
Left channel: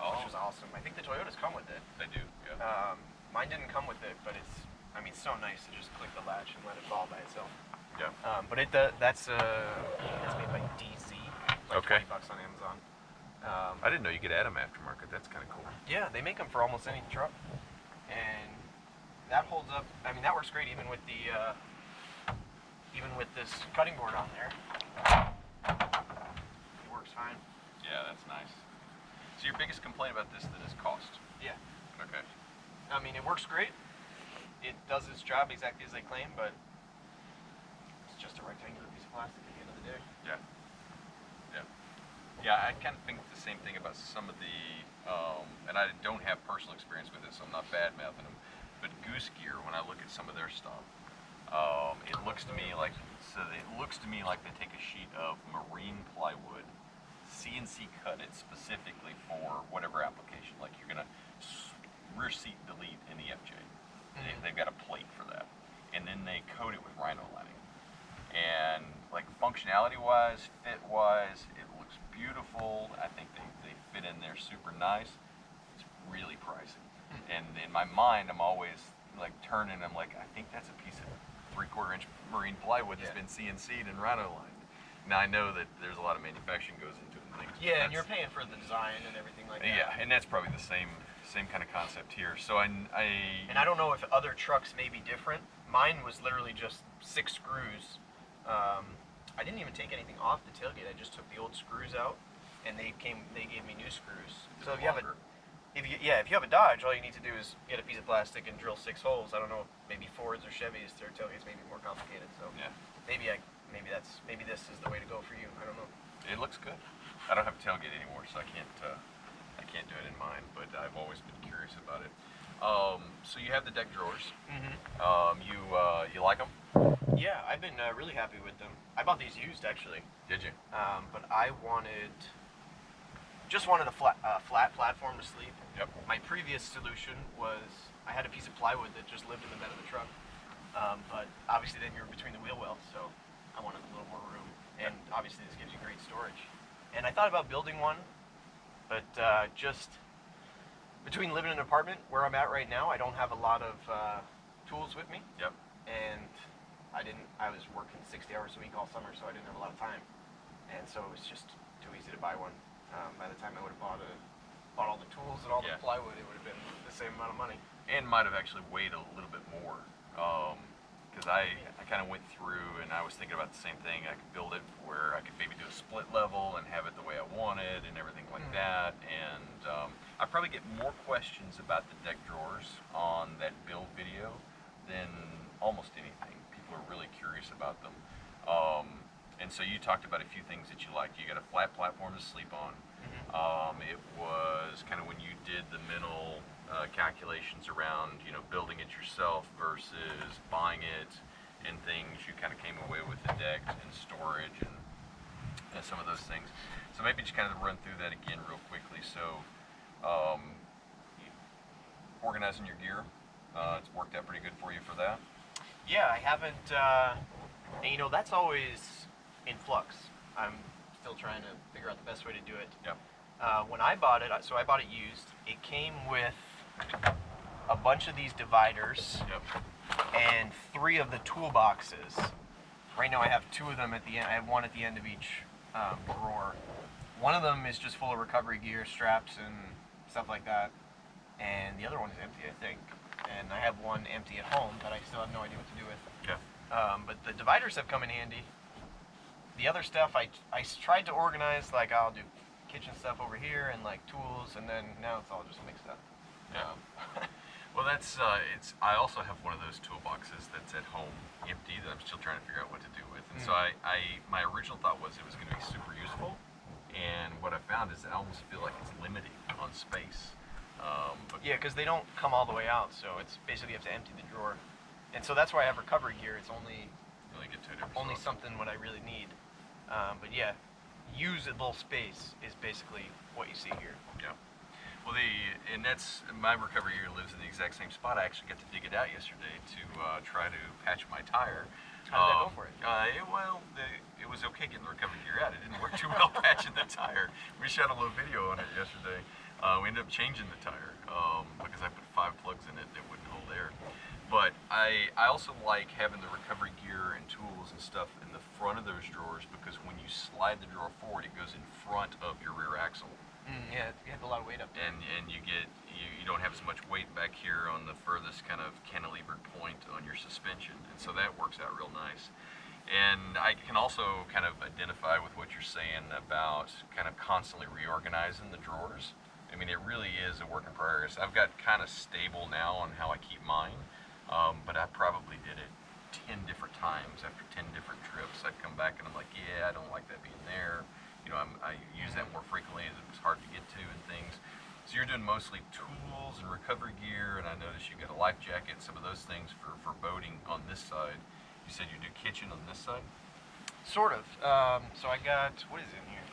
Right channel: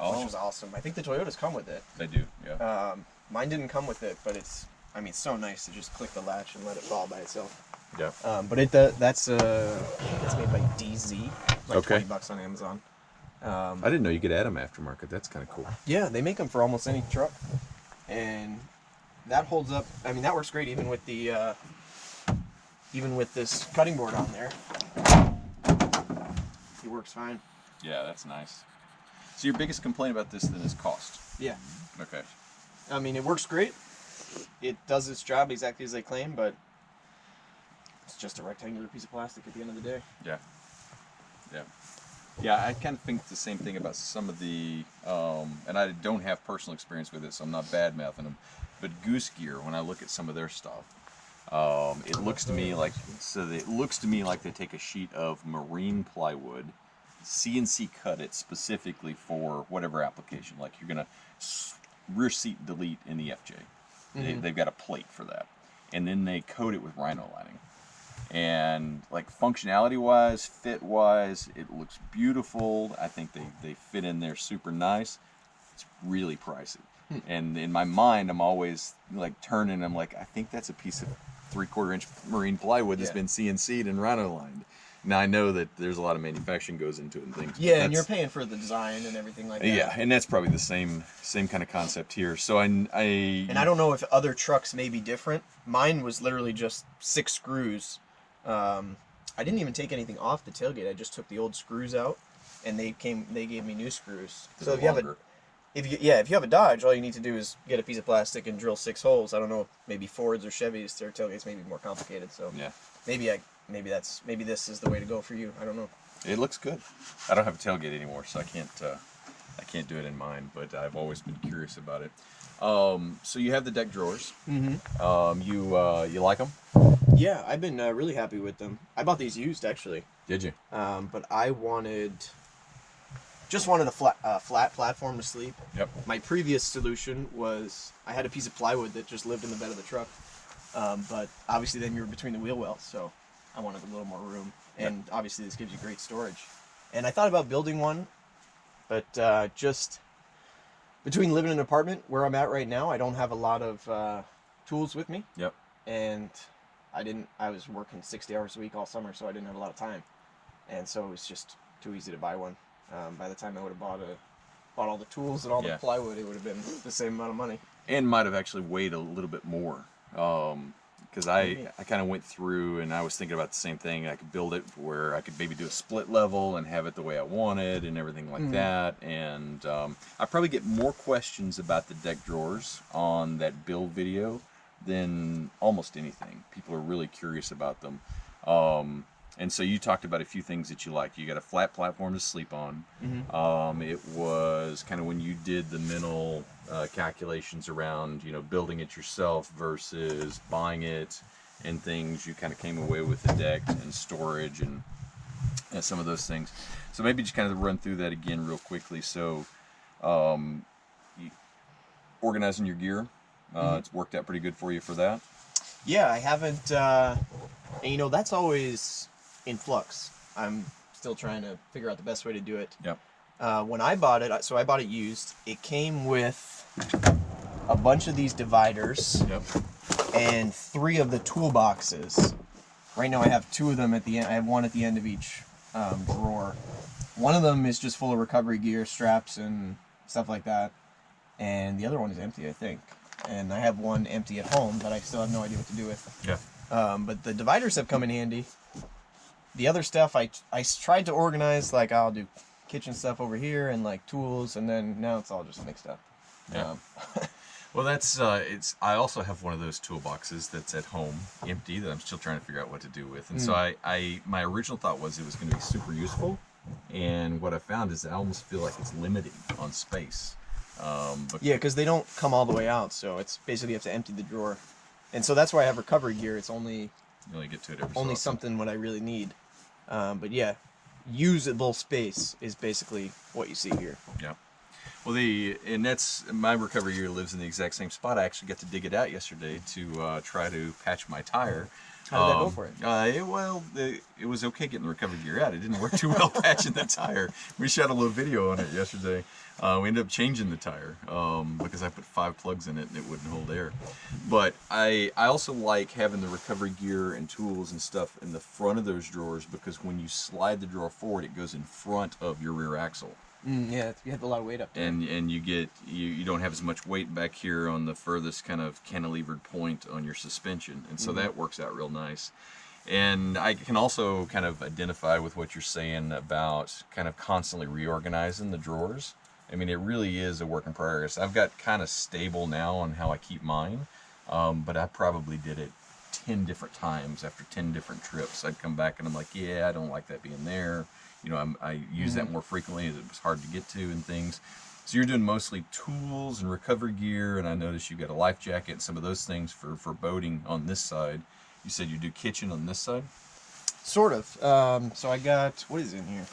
which was awesome. I think the Toyotas come with it. They do, yeah. Mine didn't come with it, but it's so nice to just click the latch and let it fall by itself. Yeah. But that's made by DZ, like Okay. $20 on Amazon. I didn't know you could add them aftermarket. That's kind of cool. Yeah, they make them for almost any truck, and that holds up. I mean, that works great even with the even with this cutting board on there. It works fine. Yeah, that's nice. So your biggest complaint about this then is cost. Yeah. Okay. I mean, it works great. It does its job exactly as they claim, but it's just a rectangular piece of plastic at the end of the day. Yeah. Yeah. Yeah, I kind of think the same thing about some of the, and I don't have personal experience with it, so I'm not bad-mouthing them, but Goose Gear, when I look at some of their stuff, it looks to me like, they take a sheet of marine plywood, CNC cut it specifically for whatever application. Like you're gonna rear seat delete in the FJ. They've got a plate for that, and then they coat it with rhino lining. And like functionality wise, fit wise, it looks beautiful. I think they fit in there super nice. It's really pricey. And in my mind, I'm always like turning. I'm like, I think that's a piece of 3/4 inch marine plywood that's been CNC'd and rhino lined. Now I know that there's a lot of manufacturing goes into it and things. Yeah, and you're paying for the design and everything like that. Yeah, and that's probably the same kind of concept here. So and I don't know if other trucks may be different. Mine was literally just 6 screws. I didn't even take anything off the tailgate. I just took the old screws out, and they gave me new screws. So if you have a Dodge, all you need to do is get a piece of plastic and drill 6 holes. I don't know if maybe Fords or Chevys, their tailgates may be more complicated. So yeah, maybe this is the way to go for you. I don't know. It looks good. I don't have a tailgate anymore, so I can't do it in mine. But I've always been curious about it. So you have the deck drawers. Mm-hmm. You like them? Yeah, I've been really happy with them. I bought these used actually. Did you? But I just wanted a flat platform to sleep. Yep. My previous solution was I had a piece of plywood that just lived in the bed of the truck. But obviously then you were between the wheel wells, so I wanted a little more room. And obviously this gives you great storage. And I thought about building one, but just between living in an apartment where I'm at right now, I don't have a lot of tools with me. Yep. And I was working 60 hours a week all summer, so I didn't have a lot of time. and so it was just too easy to buy one. By the time I would have bought all the tools and all the plywood, it would have been the same amount of money. And might have actually weighed a little bit more. Because I kind of went through and I was thinking about the same thing. I could build it where I could maybe do a split level and have it the way I wanted and everything like that. And I probably get more questions about the deck drawers on that build video than almost anything. People are really curious about them. And so you talked about a few things that you liked. You got a flat platform to sleep on. It was kind of when you did the mental calculations around, building it yourself versus buying it and things, you kind of came away with the deck and storage and some of those things. So maybe just kind of run through that again real quickly. So organizing your gear, it's worked out pretty good for you for that. Yeah, I haven't, and that's always in flux. I'm still trying to figure out the best way to do it. Yep. When I bought it, so I bought it used, it came with a bunch of these dividers. Yep. And 3 of the toolboxes. Right now I have 2 of them at the end. I have 1 at the end of each drawer. One of them is just full of recovery gear, straps, and stuff like that. And the other one is empty, I think. And I have 1 empty at home that I still have no idea what to do with. Yeah. But the dividers have come in handy. The other stuff I tried to organize, like I'll do kitchen stuff over here and like tools, and then now it's all just mixed up. Yeah. Well, that's I also have one of those toolboxes that's at home, empty, that I'm still trying to figure out what to do with. And so my original thought was it was going to be super useful, and what I found is I almost feel like it's limiting on space. Yeah, because they don't come all the way out, so it's basically you have to empty the drawer, and so that's why I have recovery gear. It's only you only get to it every so only often. something what I really need. But yeah, usable space is basically what you see here. Yeah. Well, and that's my recovery gear lives in the exact same spot. I actually got to dig it out yesterday to try to patch my tire. How did that go for it? It was okay getting the recovery gear out. It didn't work too well patching the tire. We shot a little video on it yesterday. We ended up changing the tire because I put 5 plugs in it and it wouldn't hold air. But I also like having the recovery gear and tools and stuff in the front of those drawers, because when you slide the drawer forward, it goes in front of your rear axle. Yeah, you have a lot of weight up there. And you don't have as much weight back here on the furthest kind of cantilevered point on your suspension, and so that works out real nice. And I can also kind of identify with what you're saying about kind of constantly reorganizing the drawers. I mean, it really is a work in progress. I've got kind of stable now on how I keep mine, but I probably did it 10 different times after 10 different trips. I'd come back and I'm like, yeah, I don't like that being there. I use that more frequently as it was hard to get to and things. So you're doing mostly tools and recovery gear, and I noticed you got a life jacket and some of those things for boating on this side. You said you do kitchen on this side? Sort of. So I got, what is in here?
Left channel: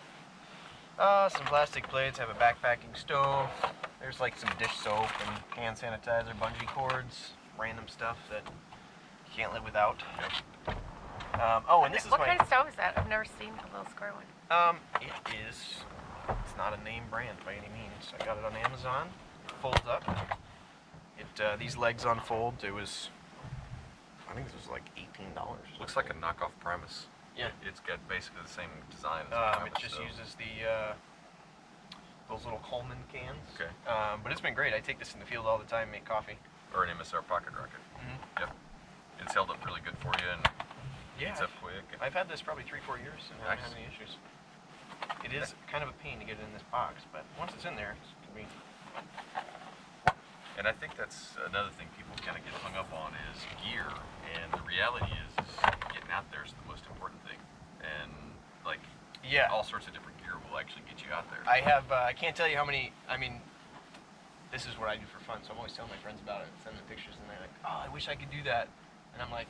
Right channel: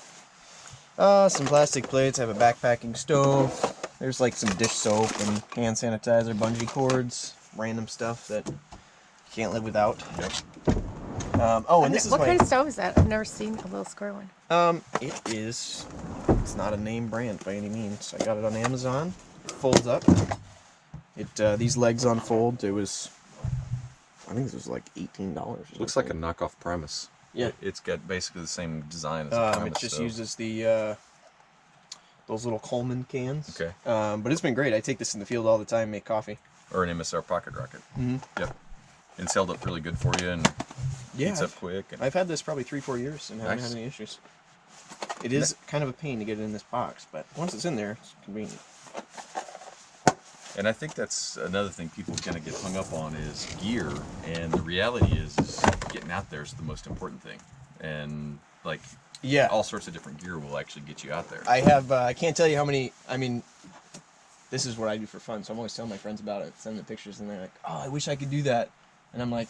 Some plastic plates. I have a backpacking stove. There's like some dish soap and hand sanitizer, bungee cords, random stuff that you can't live without. Yep. And this is what kind of stove is that? I've never seen a little square one. it's not a name brand by any means. I got it on Amazon. It folds up. These legs unfold. It was, I think this was like $18. Looks like a knockoff Primus. Yeah. It's got basically the same design as a Primus. It just uses the those little Coleman cans. Okay. But it's been great. I take this in the field all the time, make coffee. Or an MSR pocket rocket. Mm-hmm. Yep. And it's held up really good for you and heats up quick. And I've had this probably 3-4 years and haven't Nice. had any issues. It is kind of a pain to get it in this box, but once it's in there, it's convenient. And I think that's another thing people kind of get hung up on is gear, and the reality is getting out there is the most important thing. And like, Yeah. all sorts of different gear will actually get you out there. I have, I can't tell you how many, I mean, this is what I do for fun, so I'm always telling my friends about it, sending them pictures, and they're like, oh, I wish I could do that. And I'm like,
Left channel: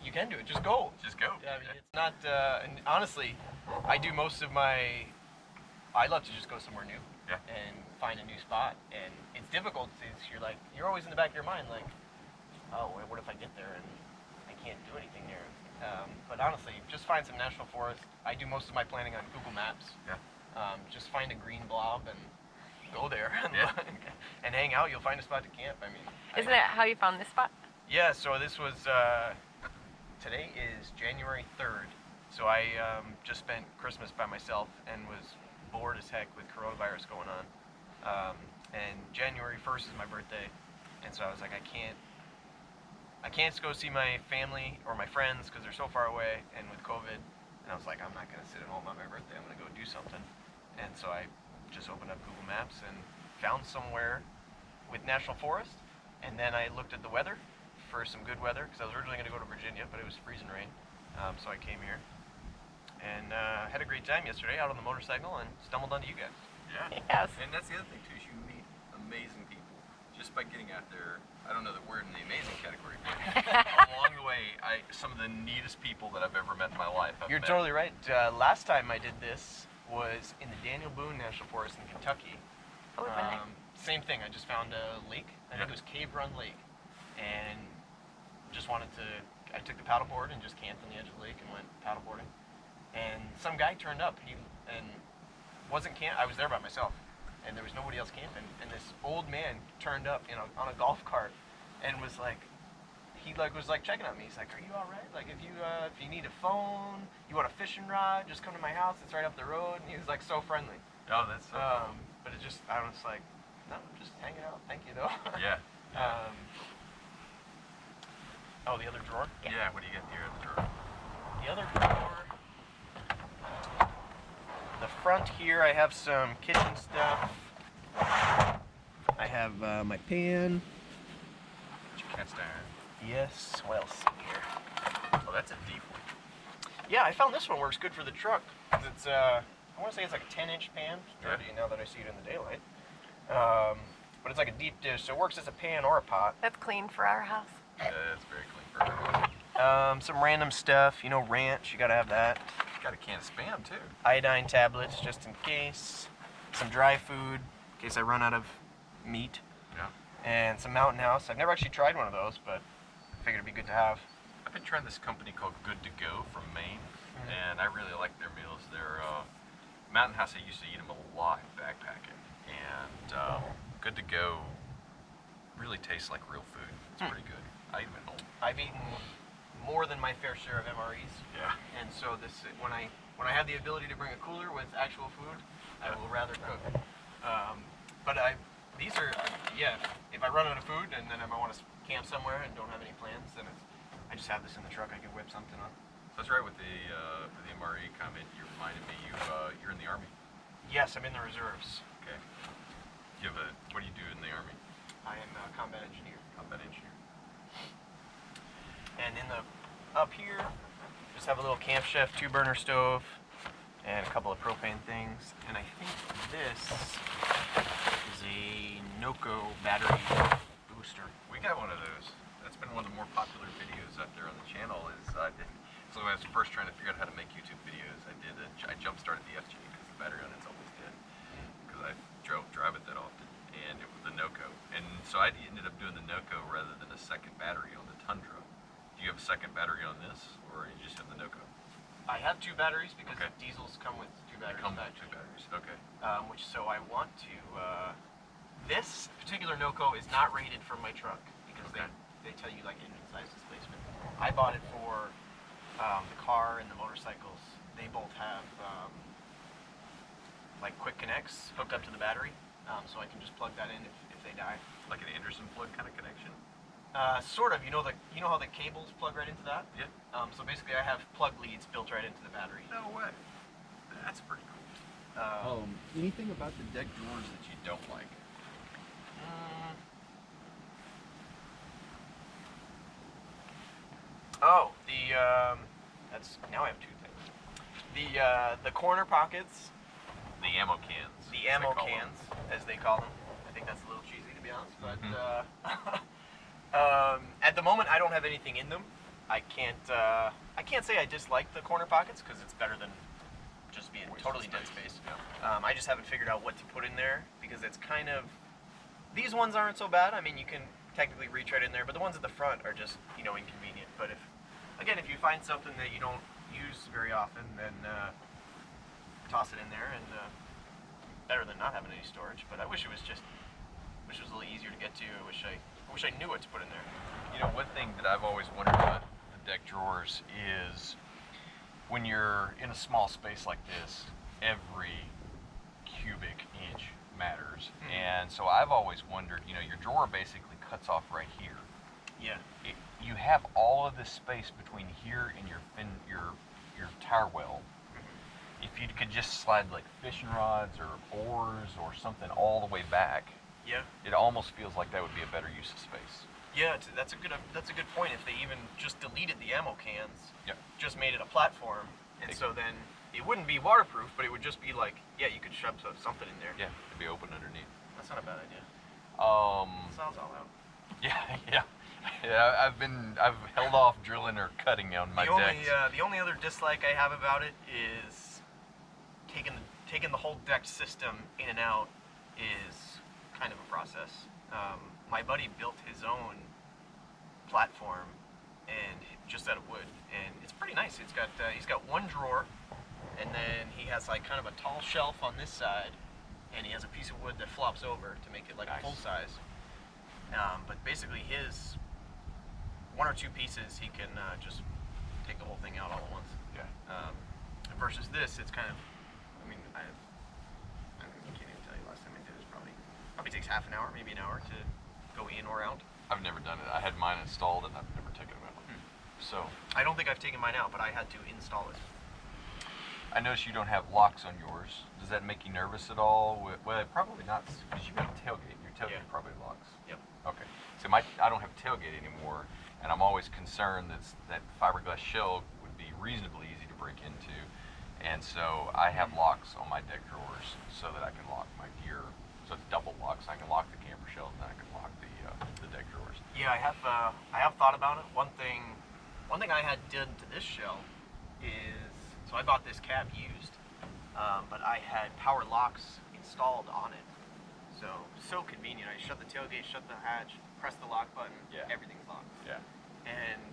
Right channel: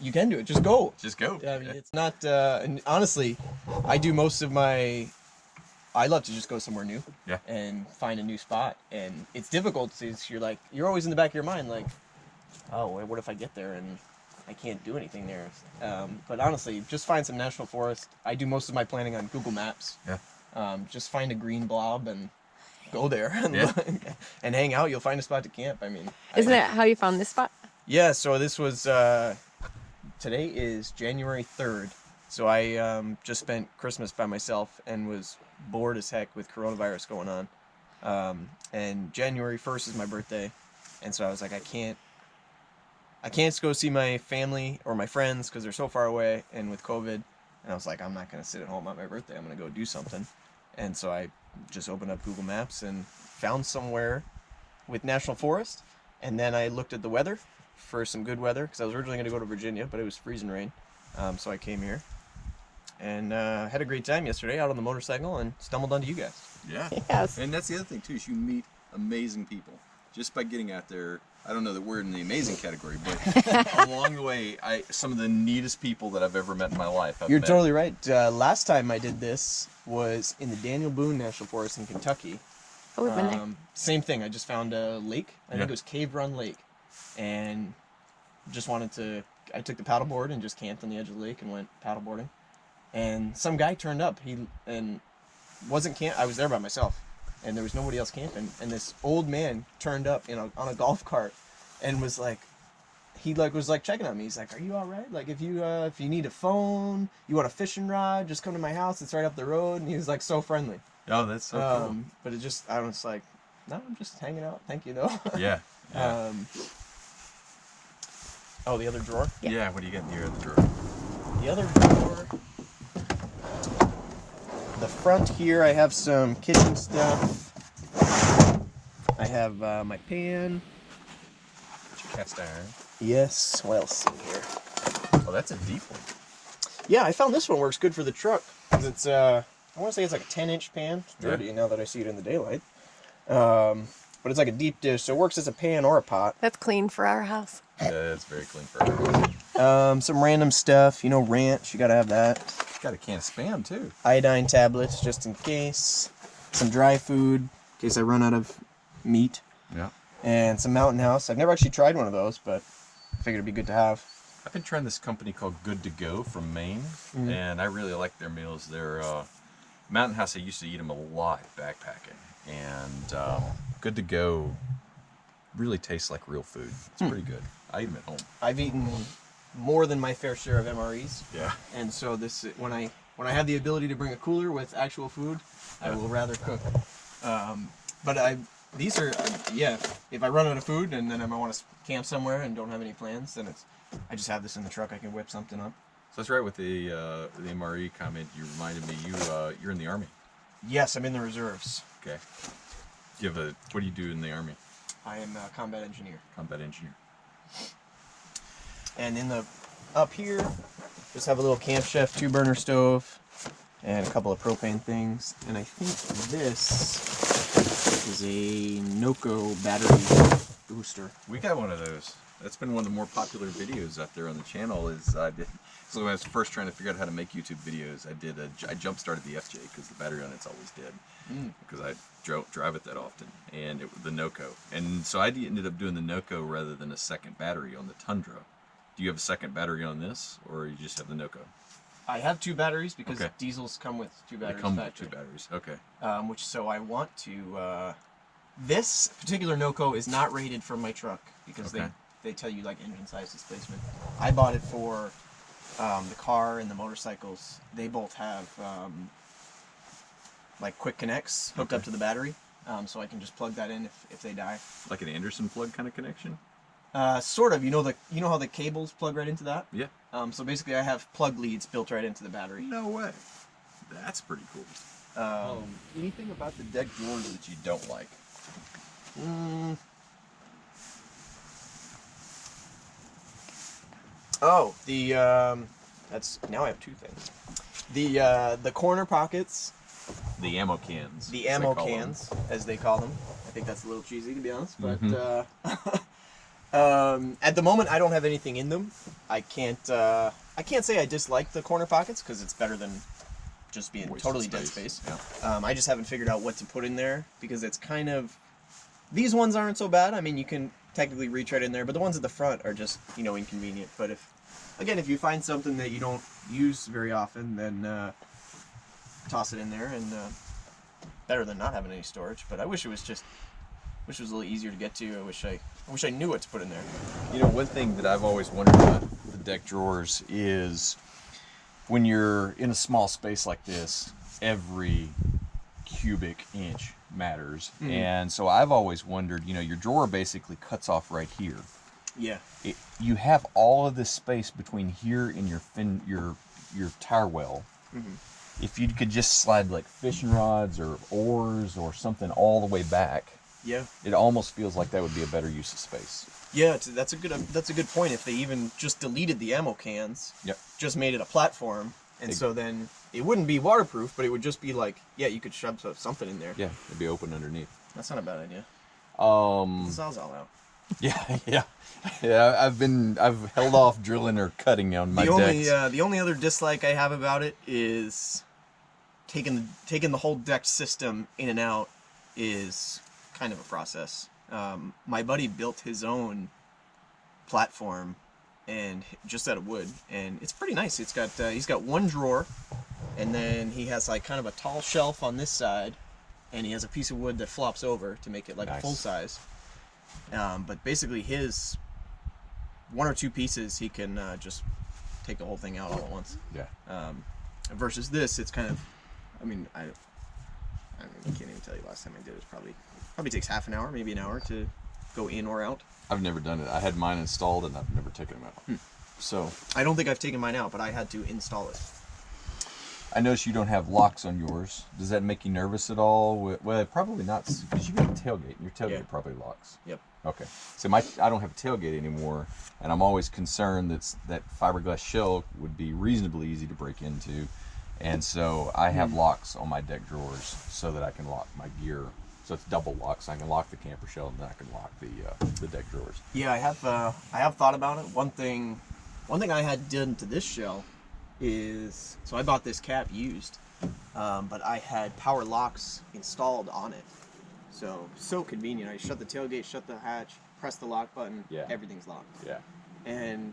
you can do it, just go. Just go. I mean, it's not, and honestly, I do most of my, I love to just go somewhere new. Yeah. And find a new spot. And it's difficult because you're always in the back of your mind like, oh, what if I get there and I can't do anything there? But honestly, just find some national forest. I do most of my planning on Google Maps. Yeah. Just find a green blob and go there and, Yeah. and hang out. You'll find a spot to camp. I mean, Isn't that how you found this spot? Yeah, so this was, today is January 3rd. So I just spent Christmas by myself and was bored as heck with coronavirus going on. And January 1st is my birthday, and so I was like, I can't go see my family or my friends because they're so far away, and with COVID, and I was like, I'm not gonna sit at home on my birthday. I'm gonna go do something. And so I just opened up Google Maps and found somewhere with National Forest, and then I looked at the weather for some good weather because I was originally gonna go to Virginia, but it was freezing rain. So I came here and had a great time yesterday out on the motorcycle and stumbled onto you guys. Yeah. Yes. And that's the other thing too, is you meet amazing people just by getting out there. I don't know that we're in the amazing category, but along the way, some of the neatest people that I've ever met in my life. You're totally right. Last time I did this was in the Daniel Boone National Forest in Kentucky. Oh, we've been there. Same thing. I just found a lake. I think Yeah. it was Cave Run Lake, and just wanted to. I took the paddleboard and just camped on the edge of the lake and went paddleboarding. And some guy turned up. Wasn't camp. I was there by myself, and there was nobody else camping. And this old man turned up on a golf cart, and was like, was checking on me. He's like, "Are you all right? Like, if you need a phone, you want a fishing rod, just come to my house. It's right up the road." And he was like so friendly. Oh, that's so cool. But I was like, no, I'm just hanging out. Thank you, though. Yeah. Oh, the other drawer. Yeah. What do you got in your other drawer? The other drawer. The front here, I have some kitchen stuff. I have my pan. Cast iron. Yes. What else in here? Oh, that's a deep one. Yeah, I found this one works good for the truck. 'Cause it's I want to say it's like a 10-inch pan. It's dirty now that I see it in the daylight. But it's like a deep dish, so it works as a pan or a pot. That's clean for our house. Yeah, that's very clean for her. Some random stuff, ranch. You gotta have that. Got a can of Spam too. Iodine tablets, just in case. Some dry food, in case I run out of meat. Yeah. And some Mountain House. I've never actually tried one of those, but I figured it'd be good to have. I've been trying this company called Good to Go from Maine, and I really like their meals. Their Mountain House, I used to eat them a lot backpacking, and Good to Go really tastes like real food. It's pretty good. I eat them at home. I've eaten more than my fair share of MREs, Yeah. and so when I have the ability to bring a cooler with actual food, I will rather cook. But these are if I run out of food and then I want to camp somewhere and don't have any plans, then I just have this in the truck. I can whip something up. So that's right with the MRE comment. You reminded me you're in the Army. Yes, I'm in the reserves. Okay. What do you do in the Army? I am a combat engineer. Combat engineer. And up here, just have a little Camp Chef 2-burner stove and a couple of propane things. And I think this is a Noco battery booster. We got one of those. That's been one of the more popular videos out there on the channel. So when I was first trying to figure out how to make YouTube videos, I jump started the FJ because the battery on it's always dead because I drive it that often, and it was the Noco. And so I ended up doing the Noco rather than a second battery on the Tundra. Do you have a second battery on this, or you just have the Noco? I have 2 batteries because Okay. diesels come with 2 batteries. They come with 2 batteries. Okay. So I want to. This particular Noco is not rated for my truck because Okay. they tell you like engine size displacement. I bought it for the car and the motorcycles. They both have like quick connects hooked up to the battery, so I can just plug that in if they die. Like an Anderson plug kind of connection? Sort of. You know how the cables plug right into that? Yeah. So basically, I have plug leads built right into the battery. No way. That's pretty cool. Anything about the deck drawers that you don't like? Oh, that's now I have 2 things. The corner pockets, The ammo cans. the as they ammo call them. cans, as they call them. I think that's a little cheesy to be honest, but Mhm. at the moment I don't have anything in them. I can't say I dislike the corner pockets because it's better than just being Wasted totally dead space. space. Yeah. I just haven't figured out what to put in there because it's kind of, these ones aren't so bad. I mean, you can technically reach right in there, but the ones at the front are just, inconvenient. But if you find something that you don't use very often, then toss it in there, and better than not having any storage. But I wish it was a little easier to get to. I wish I knew what to put in there. One thing that I've always wondered about the deck drawers is when you're in a small space like this, every cubic inch matters. And so I've always wondered, you know, your drawer basically cuts off right here. Yeah. You have all of this space between here and your tire well. If you could just slide like fishing rods or oars or something all the way back, Yeah. it almost feels like that would be a better use of space. Yeah, that's a good point. If they even just deleted the ammo cans, Yep. just made it a platform, and so then it wouldn't be waterproof, but it would just be like, yeah, you could shove something in there. Yeah, it'd be open underneath. That's not a bad idea. Um, The saw's all out. yeah. I've held off drilling or cutting on my decks. The only other dislike I have about it is taking the whole deck system in and out is kind of a process. My buddy built his own platform and just out of wood, and it's pretty nice. It's got he's got one drawer, and then he has like kind of a tall shelf on this side, and he has a piece of wood that flops over to make it like a full size. But basically his one or two pieces he can just take the whole thing out all at once. Yeah. Versus this, it's kind of, I mean, I can't even tell you last time I did it. Probably takes half an hour, maybe an hour to go in or out. I've never done it. I had mine installed and I've never taken them out. So I don't think I've taken mine out, but I had to install it. I noticed you don't have locks on yours. Does that make you nervous at all? Well, probably not, because you've got a tailgate. Your tailgate probably locks. Yep. Okay. So I don't have a tailgate anymore, and I'm always concerned that fiberglass shell would be reasonably easy to break into, and so I have locks on my deck drawers so that I can lock my gear. So it's double locks. I can lock the camper shell, and then I can lock the deck drawers. Yeah, I have thought about it. One thing I had done to this shell is, so I bought this cap used, but I had power locks installed on it. So convenient. I shut the tailgate, shut the hatch, press the lock button, everything's locked. Yeah. And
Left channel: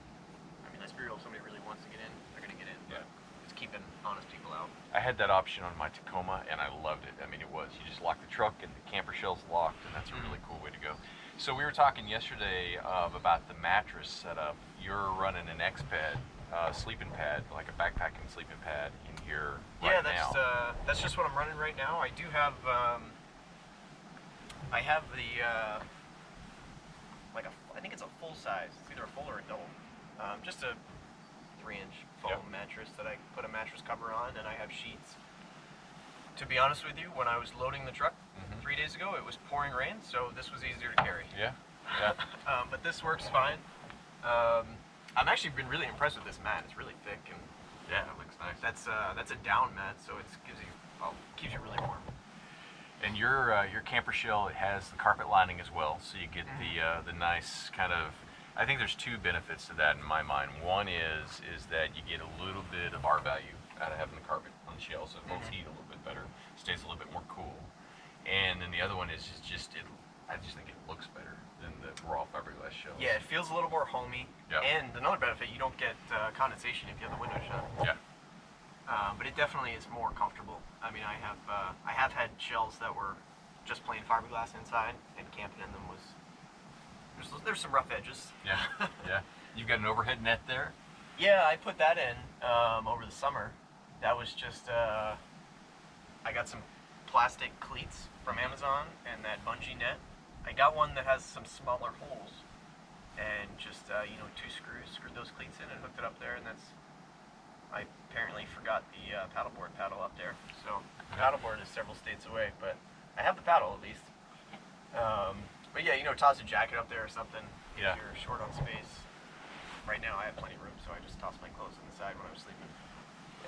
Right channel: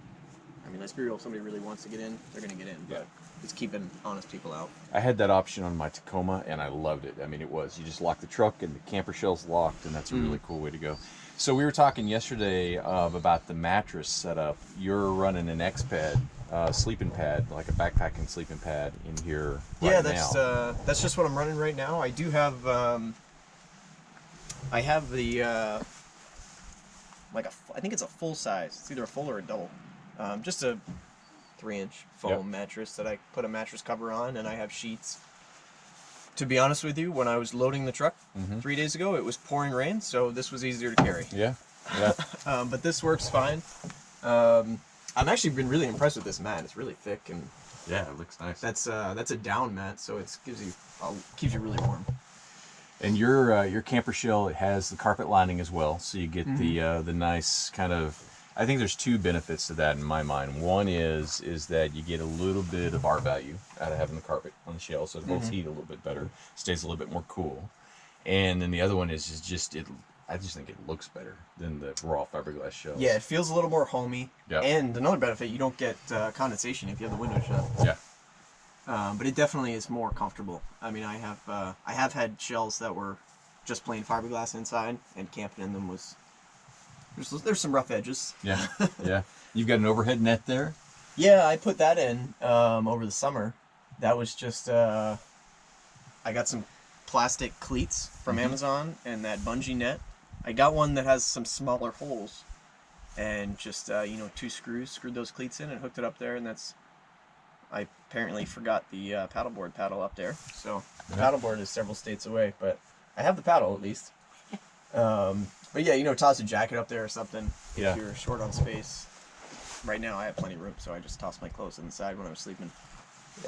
I mean, let's be real, if somebody really wants to get in, they're gonna get in. But it's keeping honest people out. I had that option on my Tacoma, and I loved it. I mean, you just lock the truck, and the camper shell's locked, and that's a really cool way to go. So we were talking yesterday about the mattress setup. You're running an X-Pad, sleeping pad, like a backpacking sleeping pad in here right now. That's just what I'm running right now. I do have I have the I think it's a full size. It's either a full or a double. Just a 3-inch foam mattress that I put a mattress cover on, and I have sheets. To be honest with you, when I was loading the truck 3 days ago, it was pouring rain, so this was easier to carry. Yeah. But this works fine. I've actually been really impressed with this mat. It's really thick, and Yeah, it looks nice. that's a down mat, so it keeps you really warm. And your camper shell, it has the carpet lining as well, so you get the nice kind of. I think there's two benefits to that in my mind. One is that you get a little bit of R value out of having the carpet on the shell, so it holds heat a little bit better, stays a little bit more cool. And then the other one is just it. I just think it looks better than the raw fiberglass shells. Yeah, it feels a little more homey. Yeah. And another benefit, you don't get condensation if you have the window shut. Yeah. But it definitely is more comfortable. I mean, I have had shells that were just plain fiberglass inside, and camping in them was there's some rough edges. Yeah. Yeah. You've got an overhead net there. Yeah, I put that in over the summer. That was just I got some plastic cleats from Amazon and that bungee net. I got one that has some smaller holes, and just 2 screws, screwed those cleats in and hooked it up there, and that's. I apparently forgot the paddleboard paddle up there, so the paddleboard is several states away, but I have the paddle at least. But yeah, toss a jacket up there or something if you're short on space. Right now I have plenty of room, so I just tossed my clothes on the side when I was sleeping.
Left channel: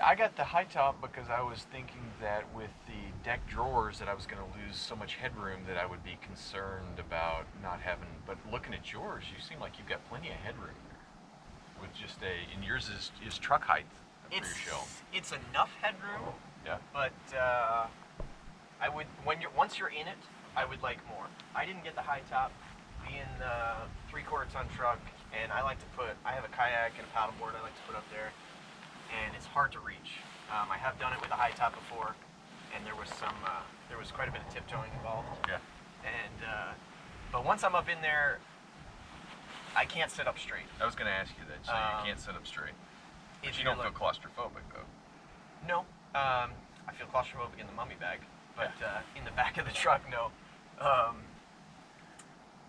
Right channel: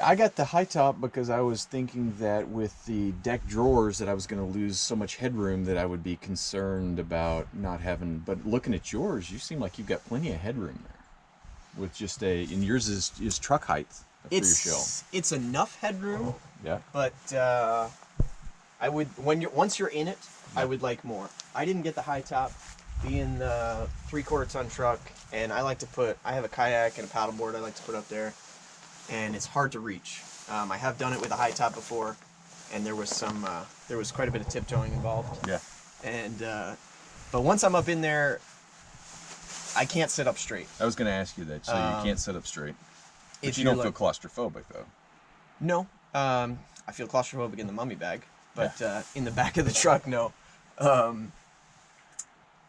I got the high top because I was thinking that with the deck drawers that I was going to lose so much headroom that I would be concerned about not having. But looking at yours, you seem like you've got plenty of headroom there. With just and yours is truck height for your shell. It's enough headroom. Yeah. But I would once you're in it, I would like more. I didn't get the high top, being the 3/4 ton truck, and I have a kayak and a paddleboard I like to put up there, and it's hard to reach. I have done it with a high top before, and there was quite a bit of tiptoeing involved. Yeah. And but once I'm up in there, I can't sit up straight. I was going to ask you that. So you can't sit up straight. But you don't feel claustrophobic though. No, I feel claustrophobic in the mummy bag, but in the back of the truck, no.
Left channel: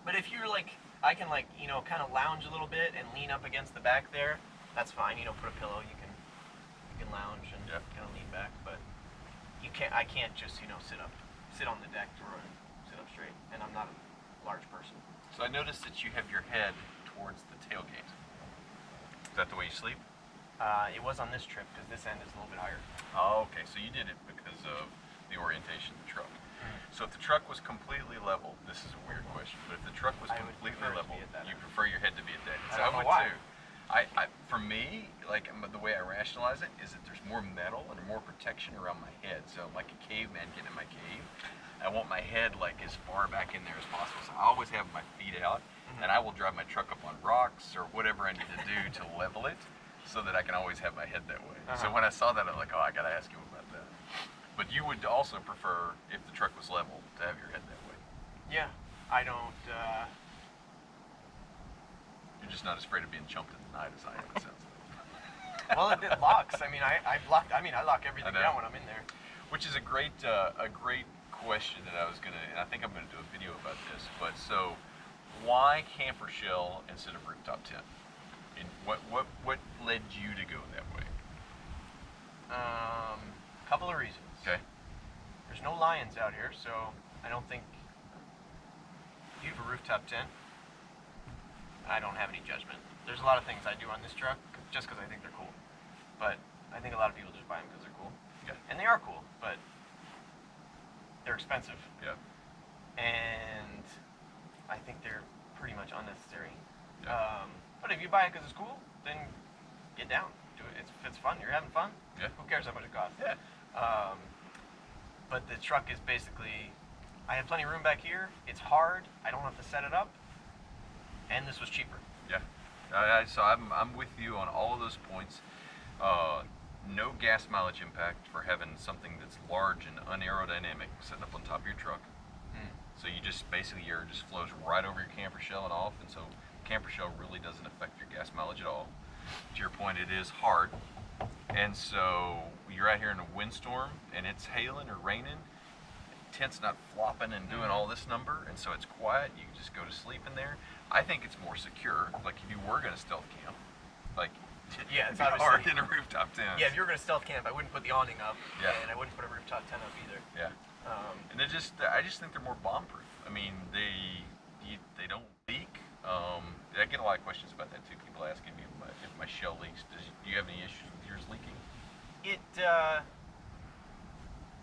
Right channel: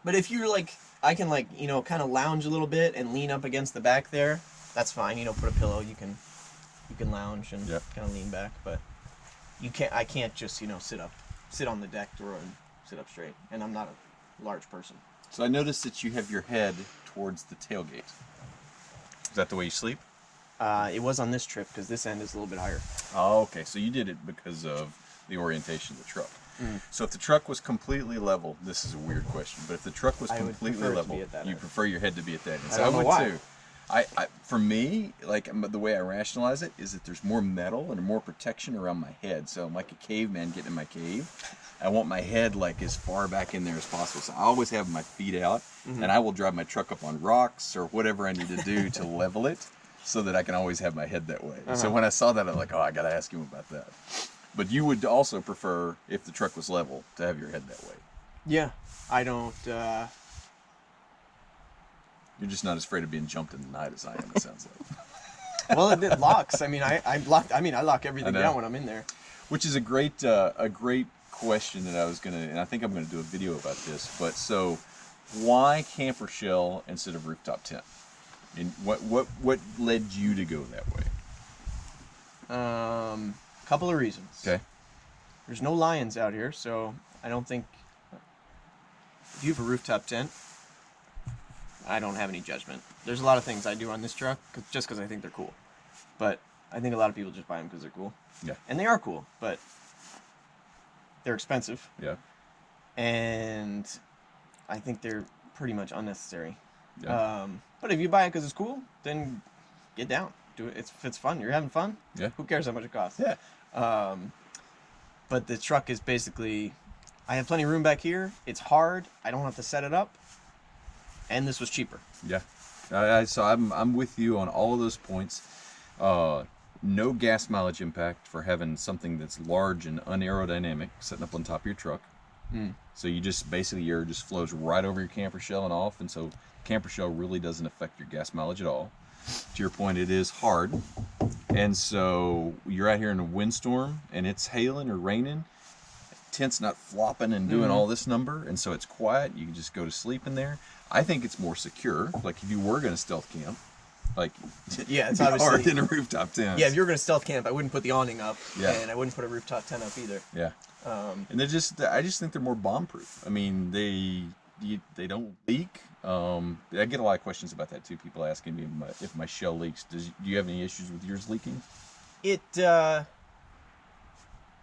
But if you're like, I can like, you know, kind of lounge a little bit and lean up against the back there. That's fine. You know, put a pillow. You can lounge and kind of lean back, but you can't. I can't just, you know, sit on the deck door and sit up straight. And I'm not a large person. So I noticed that you have your head towards the tailgate. Is that the way you sleep? It was on this trip because this end is a little bit higher. Oh, okay. So you did it because of the orientation of the truck. So if the truck was completely level, this is a weird question, but if the truck was completely level, you prefer your head to be at that end. So I would too. For me, like the way I rationalize it is that there's more metal and more protection around my head. So I'm like a caveman getting in my cave. I want my head like as far back in there as possible. So I always have my feet out, and I will drive my truck up on rocks or whatever I need to do to level it, so that I can always have my head that way. So when I saw that, I'm like, oh, I gotta ask him about that. But you would also prefer, if the truck was level, to have your head that way. Yeah, I don't. You're just not as afraid of being jumped in the night as I am. It sounds like. Well, it locks. I mean, I lock everything down when I'm in there. Which is a great question that I was gonna, and I think I'm gonna do a video about this. But so, why camper shell instead of rooftop tent? And what led you to go that way? Couple of reasons. Okay. There's no lions out here, so I don't think. If you have a rooftop tent, I don't have any judgment. There's a lot of things I do on this truck just because I think they're cool, but I think a lot of people just buy them because they're cool. Yeah. And they are cool, but they're expensive. Yeah. And I think they're pretty much unnecessary. Yeah. But if you buy it because it's cool, then get down. Do it. If it's fun, you're having fun. Yeah. Who cares how much it costs? Yeah. But the truck is basically, I have plenty of room back here. It's hard. I don't have to set it up. And this was cheaper. Yeah. So I'm with you on all of those points. No gas mileage impact for having something that's large and unaerodynamic sitting up on top of your truck. So you just basically your just flows right over your camper shell and off, and so camper shell really doesn't affect your gas mileage at all. To your point, it is hard, and so you're out here in a windstorm and it's hailing or raining, tent's not flopping and doing all this number, and so it's quiet. You can just go to sleep in there. I think it's more secure. Like if you were going to stealth camp, like yeah, it's hard obviously in a rooftop tent. Yeah, if you were going to stealth camp, I wouldn't put the awning up. Yeah. And I wouldn't put a rooftop tent up either. Yeah. And I just think they're more bomb proof. I mean, they don't leak. I get a lot of questions about that too. People asking me if my shell leaks. Do you have any issues with yours leaking? It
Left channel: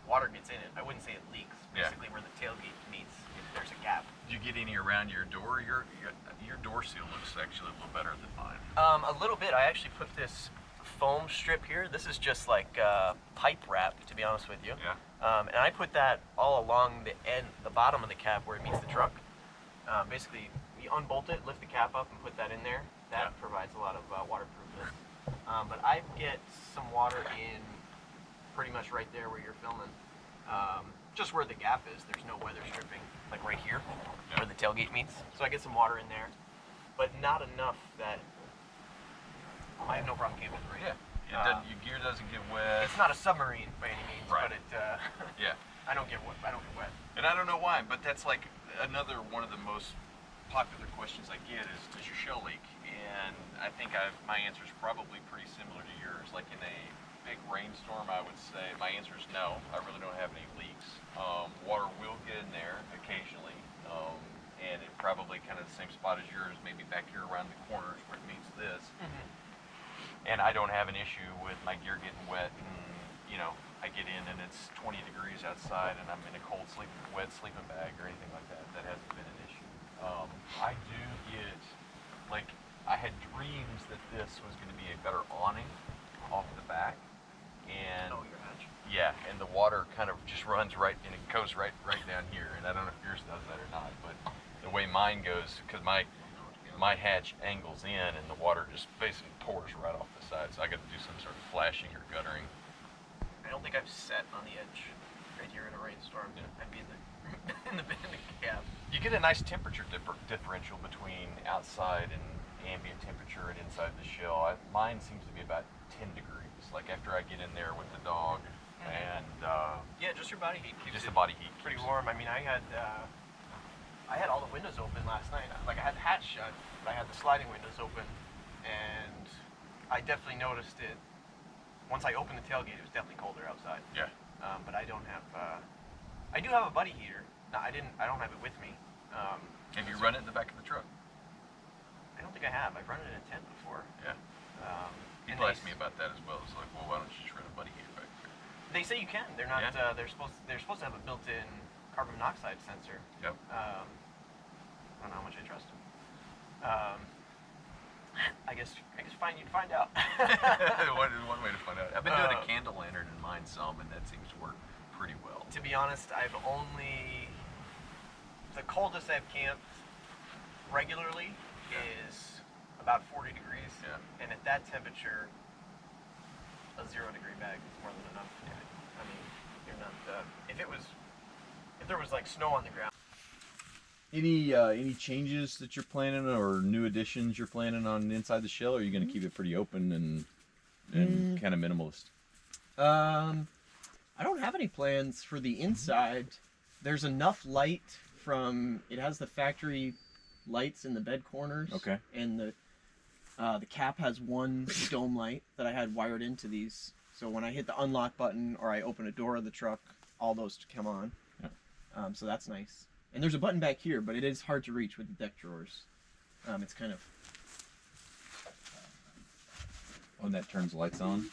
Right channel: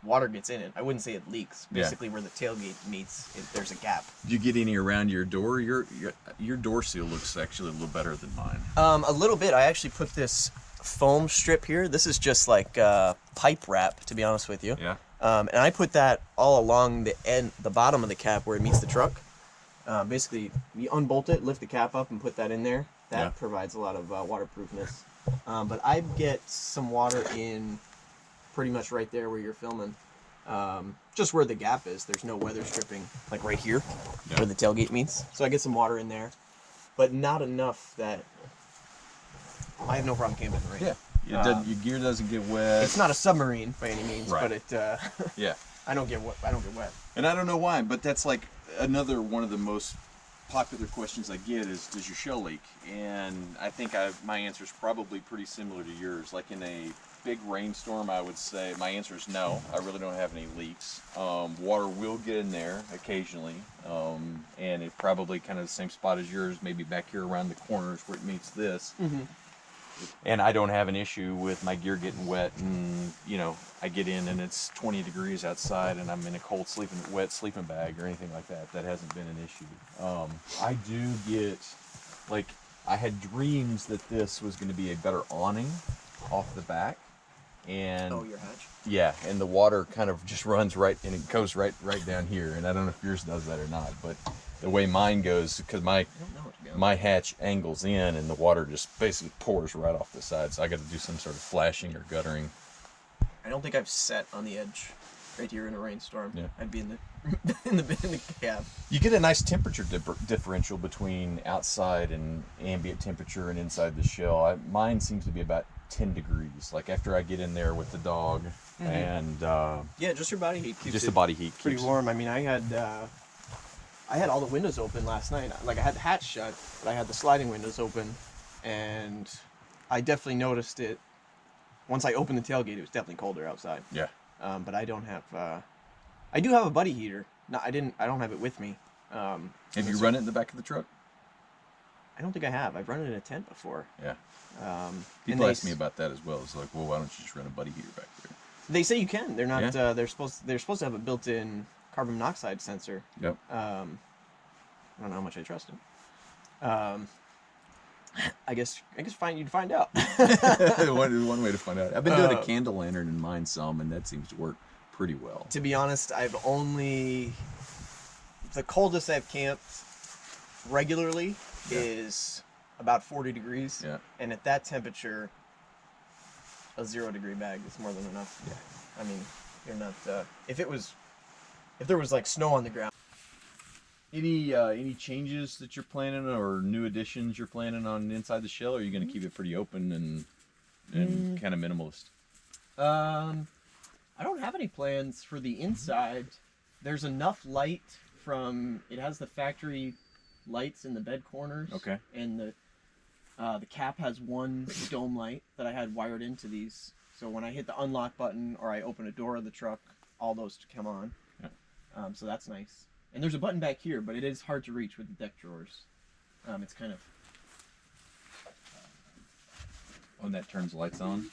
water gets in it. I wouldn't say it leaks. Basically, where the tailgate meets, there's a gap. Do you get any around your door? Your door seal looks actually a little better than mine. A little bit. I actually put this foam strip here. This is just like pipe wrap, to be honest with you. Yeah. And I put that all along the bottom of the cap where it meets the truck. Basically, you unbolt it, lift the cap up, and put that in there. That provides a lot of waterproofness. But I get some water in pretty much right there where you're filming. Just where the gap is. There's no weather stripping, like right here, where the tailgate meets. So I get some water in there, but not enough that I have no problem camping in the rain. Yeah. Your gear doesn't get wet. It's not a submarine by any means, but it. Yeah. I don't get wet. And I don't know why, but that's like another one of the most popular questions I get is, does your shell leak? And I think my answer is probably pretty similar to yours. Like in a big rainstorm, I would say my answer is no. I really don't have any leaks. Water will get in there occasionally, and it probably kind of the same spot as yours, maybe back here around the corners where it meets this. And I don't have an issue with my gear getting wet, and I get in and it's 20 degrees outside and I'm in a cold wet sleeping bag or anything like that. That hasn't been an issue. I do get, like, I had dreams that this was going to be a better awning off the back, and your hatch? Yeah, and the water kind of just runs right, and it goes right down here, and I don't know if yours does that or not, but the way mine goes, because my hatch angles in and the water just basically pours right off the side, so I got to do some sort of flashing or guttering. I don't think I've sat on the edge right here in a rainstorm. Yeah. I'd be in the cab. You get a nice temperature differential between outside and ambient temperature and inside the shell. Mine seems to be about 10 degrees. Like after I get in there with the dog, and Yeah, just your body heat keeps just it the body heat pretty keeps- warm. I mean, I had all the windows open last night. Like I had the hatch shut, but I had the sliding windows open, and I definitely noticed it. Once I opened the tailgate, it was definitely colder outside. Yeah. But I don't have. I do have a buddy heater. No, I didn't. I don't have it with me. Have you run it in the back of the truck? I don't think I have. I've run it in a tent before. Yeah. And People they ask me about that as well. It's like, well, why don't you just run a buddy heater back there? They say you can. They're not. Yeah. They're supposed to have a built-in carbon monoxide sensor. Yep. I don't know how much I trust it. I guess you'd find out. one way to find out. I've been doing a candle lantern in mine some, and that seems to work pretty well. To be honest, the coldest I've camped regularly is about 40 degrees. Yeah. And at that temperature, a 0-degree bag is more than enough. Yeah. I mean, you're not. If there was like snow on the ground. Any changes that you're planning or new additions you're planning on inside the shell, or are you going to keep it pretty open and kind of minimalist? I don't have any plans for the inside. There's enough light it has the factory lights in the bed corners. Okay. And the cap has one dome light that I had wired into these. So when I hit the unlock button or I open a door of the truck, all those come on. Yeah. So that's nice. And there's a button back here, but it is hard to reach with the deck drawers. It's kind of... Oh, and that turns lights on?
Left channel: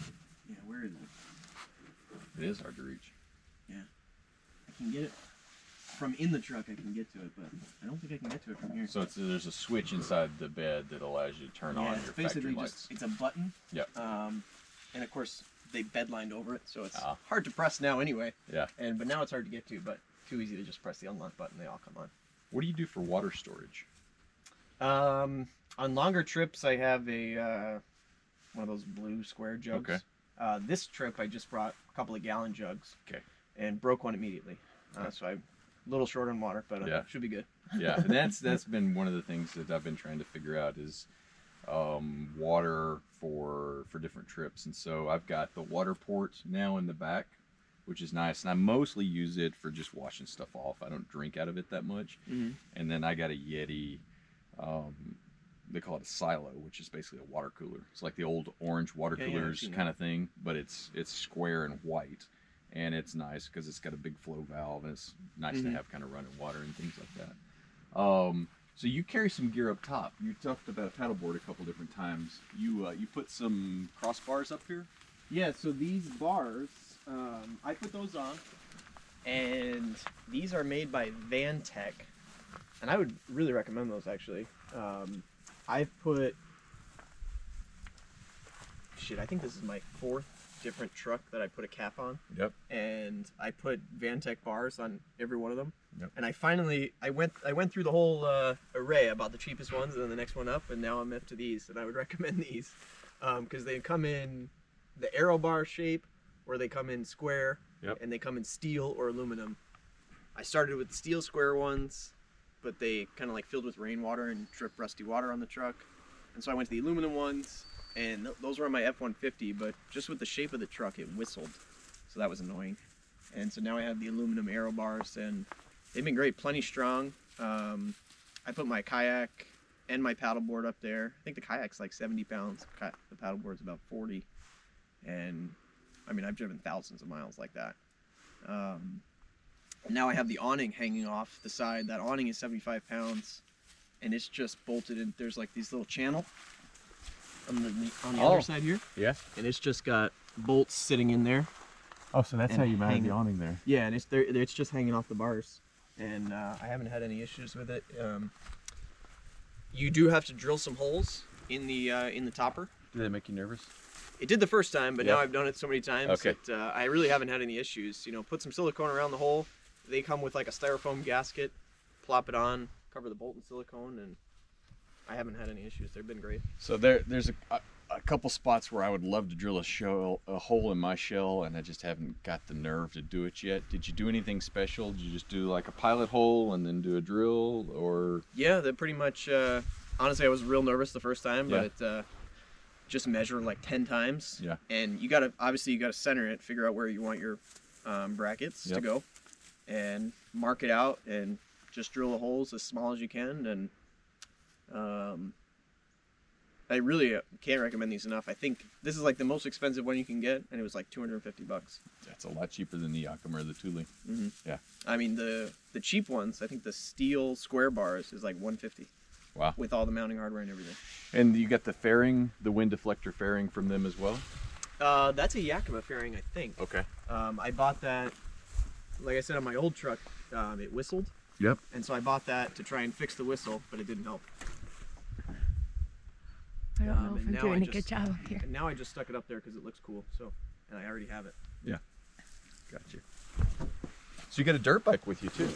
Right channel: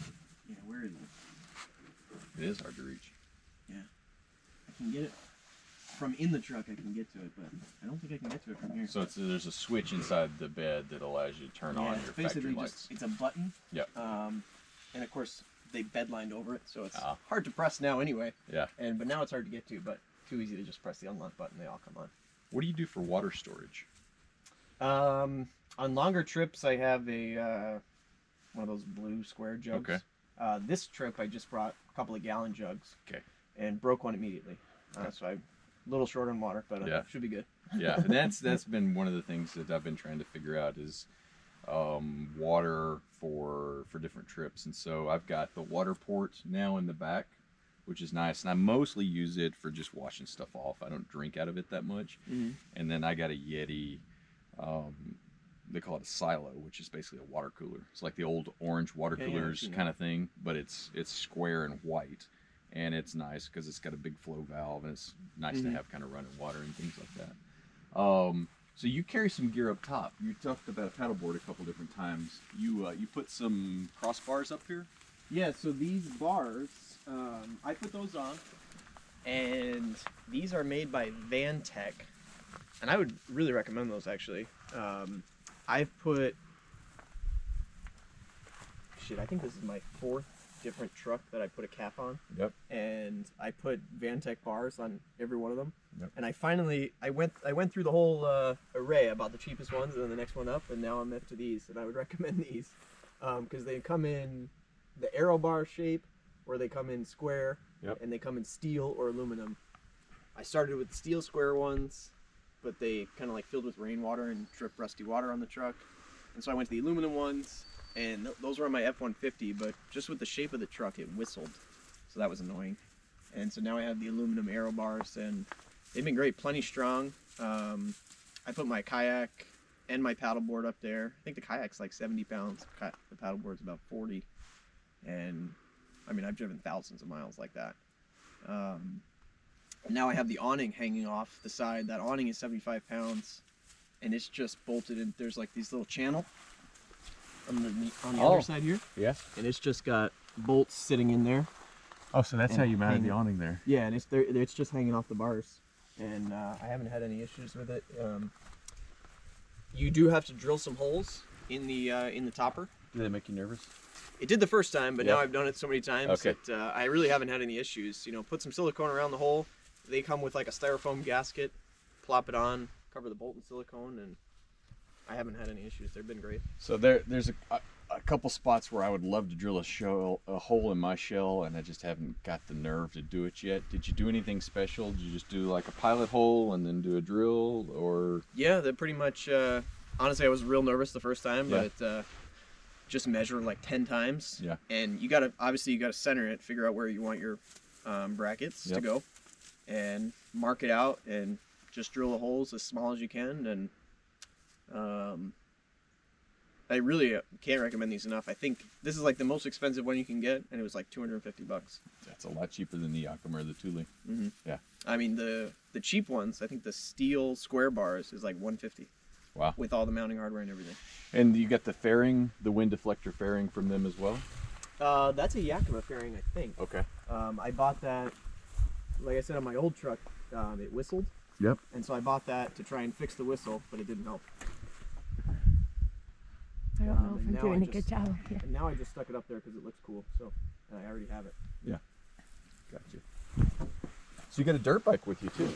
Yeah, where is it? It is hard to reach. Yeah. I can get it from in the truck, I can get to it, but I don't think I can get to it from here. So there's a switch inside the bed that allows you to turn on your factory lights. It's a button. Yep. And of course, they bed lined over it, so it's Ah. hard to press now anyway. Yeah. But now it's hard to get to, but too easy to just press the unlock button, they all come on. What do you do for water storage? On longer trips, I have one of those blue square jugs. Okay. This trip, I just brought a couple of gallon jugs. Okay. And broke one immediately. So I'm a little short on water, but Yeah. should be good. Yeah, and that's been one of the things that I've been trying to figure out is water for different trips. And so I've got the water port now in the back, which is nice, and I mostly use it for just washing stuff off. I don't drink out of it that much. Mm-hmm. And then I got a Yeti, they call it a silo, which is basically a water cooler. It's like the old orange water Yeah, I've coolers seen kind of thing, but it's square and white, and it's nice because it's got a big flow valve, and it's nice to have kind of running water and things like that. So you carry some gear up top. You talked about a paddleboard a couple different times. You put some crossbars up here? Yeah, so these bars, I put those on, and these are made by Van Tech, and I would really recommend those actually. I've put, I think this is my 4th different truck that I put a cap on. Yep. And I put Van Tech bars on every one of them. Yep. And I went through the whole array about the cheapest ones and then the next one up, and now I'm up to these, and I would recommend these because they come in the arrow bar shape, or they come in square, Yep. and they come in steel or aluminum. I started with the steel square ones, but they kind of like filled with rainwater and dripped rusty water on the truck, and so I went to the aluminum ones, and those were on my F-150, but just with the shape of the truck, it whistled, so that was annoying. And so now I have the aluminum arrow bars, and they've been great, plenty strong. I put my kayak and my paddleboard up there. I think the kayak's like 70 pounds, the paddleboard's about 40, and I mean, I've driven thousands of miles like that. Now I have the awning hanging off the side. That awning is 75 pounds, and it's just bolted in. There's like these little channel on the other side here. Yeah. And it's just got bolts sitting in there. Oh, so that's And how you mounted the hanging. awning there. Yeah, and it's just hanging off the bars, and I haven't had any issues with it. You do have to drill some holes in the topper. Did that make you nervous? It did the first time, but Yeah. now I've done it so many times Okay. that I really haven't had any issues. You know, put some silicone around the hole. They come with like a styrofoam gasket. Plop it on, cover the bolt in silicone, and I haven't had any issues. They've been great. So there's a couple spots where I would love to drill a hole in my shell, and I just haven't got the nerve to do it yet. Did you do anything special? Did you just do like a pilot hole and then do a drill, or? Yeah, they're pretty much. Honestly, I was real nervous the first time, Yeah. but just measure like 10 times. Yeah. And you gotta center it, figure out where you want your brackets to go, and mark it out, and just drill the holes as small as you can. And I really can't recommend these enough. I think this is like the most expensive one you can get, and it was like $250. That's a lot cheaper than the Yakima or the Thule. Mm-hmm. Yeah. I mean, the cheap ones, I think the steel square bars is like $150. Wow. With all the mounting hardware and everything. And you got the fairing, the wind deflector fairing from them as well? That's a Yakima fairing, I think. Okay. I bought that, like I said, on my old truck. It whistled. Yep. And so I bought that to try and fix the whistle, but it didn't help. I don't know if and I'm now doing I a good just- job up here. And now I just stuck it up there because it looks cool. So, and I already have it. Yeah. Gotcha. So you got a dirt bike with you too?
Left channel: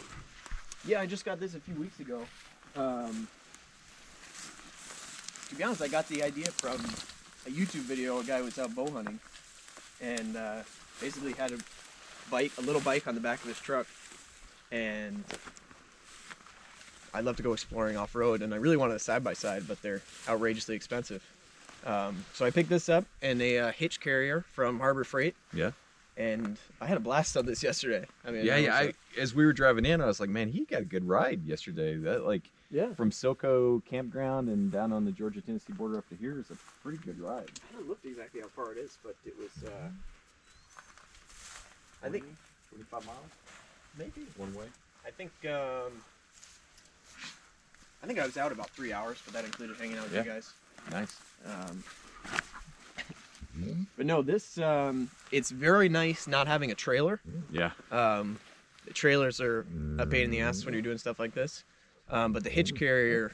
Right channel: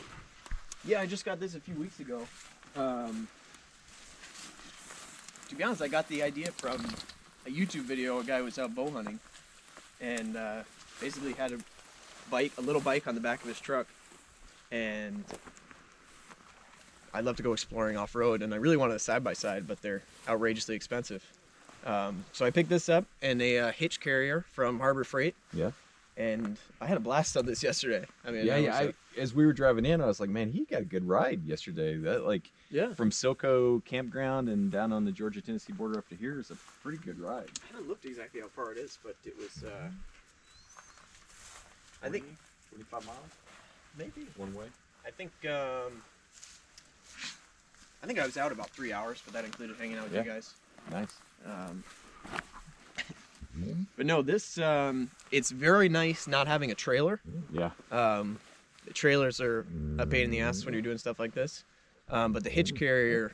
Yeah, I just got this a few weeks ago. To be honest, I got the idea from a YouTube video. A guy was out bow hunting, and basically had a little bike on the back of his truck, and I love to go exploring off road, and I really wanted a side by side, but they're outrageously expensive. So I picked this up, and a hitch carrier from Harbor Freight. Yeah. And I had a blast on this yesterday. I mean, As we were driving in, I was like, man, he got a good ride yesterday. That from Silco campground and down on the Georgia-Tennessee border up to here is a pretty good ride. I haven't looked exactly how far it is, but it was, I think 25 miles maybe one way. I think I was out about 3 hours, but that included hanging out with you guys. Nice. But no, this it's very nice not having a trailer. Yeah. The trailers are a pain in the ass when you're doing stuff like this. But the hitch carrier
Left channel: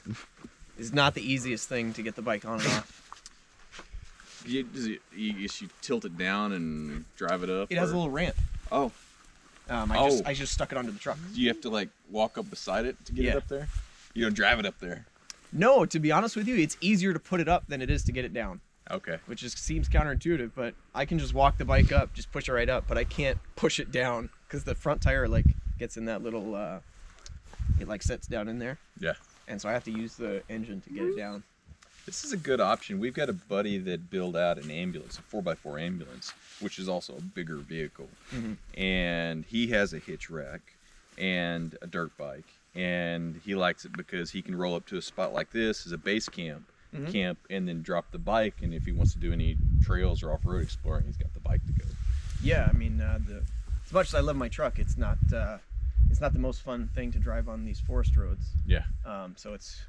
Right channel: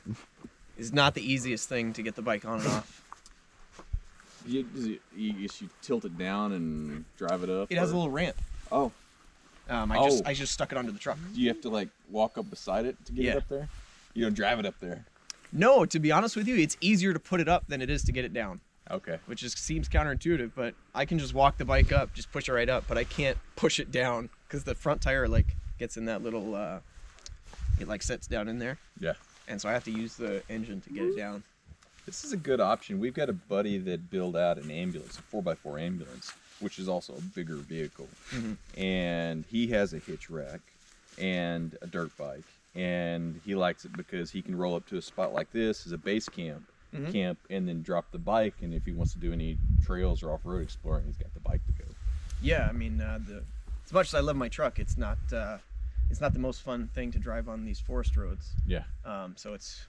is not the easiest thing to get the bike on and off. You tilt it down and drive it up? It has a little ramp. Oh. I just stuck it onto the truck. Do you have to like walk up beside it to get it up there? You don't drive it up there? No, to be honest with you, it's easier to put it up than it is to get it down. Okay. Which seems counterintuitive, but I can just walk the bike up, just push it right up, but I can't push it down because the front tire like gets in that little, it like sets down in there. Yeah. And so I have to use the engine to get it down. This is a good option. We've got a buddy that built out an ambulance, a 4x4 ambulance, which is also a bigger vehicle. Mm-hmm. And he has a hitch rack and a dirt bike. And he likes it because he can roll up to a spot like this as a base camp, and then drop the bike. And if he wants to do any trails or off-road exploring, he's got the bike to go. Yeah, I mean, as much as I love my truck, it's not the most fun thing to drive on these forest roads. Yeah. So it's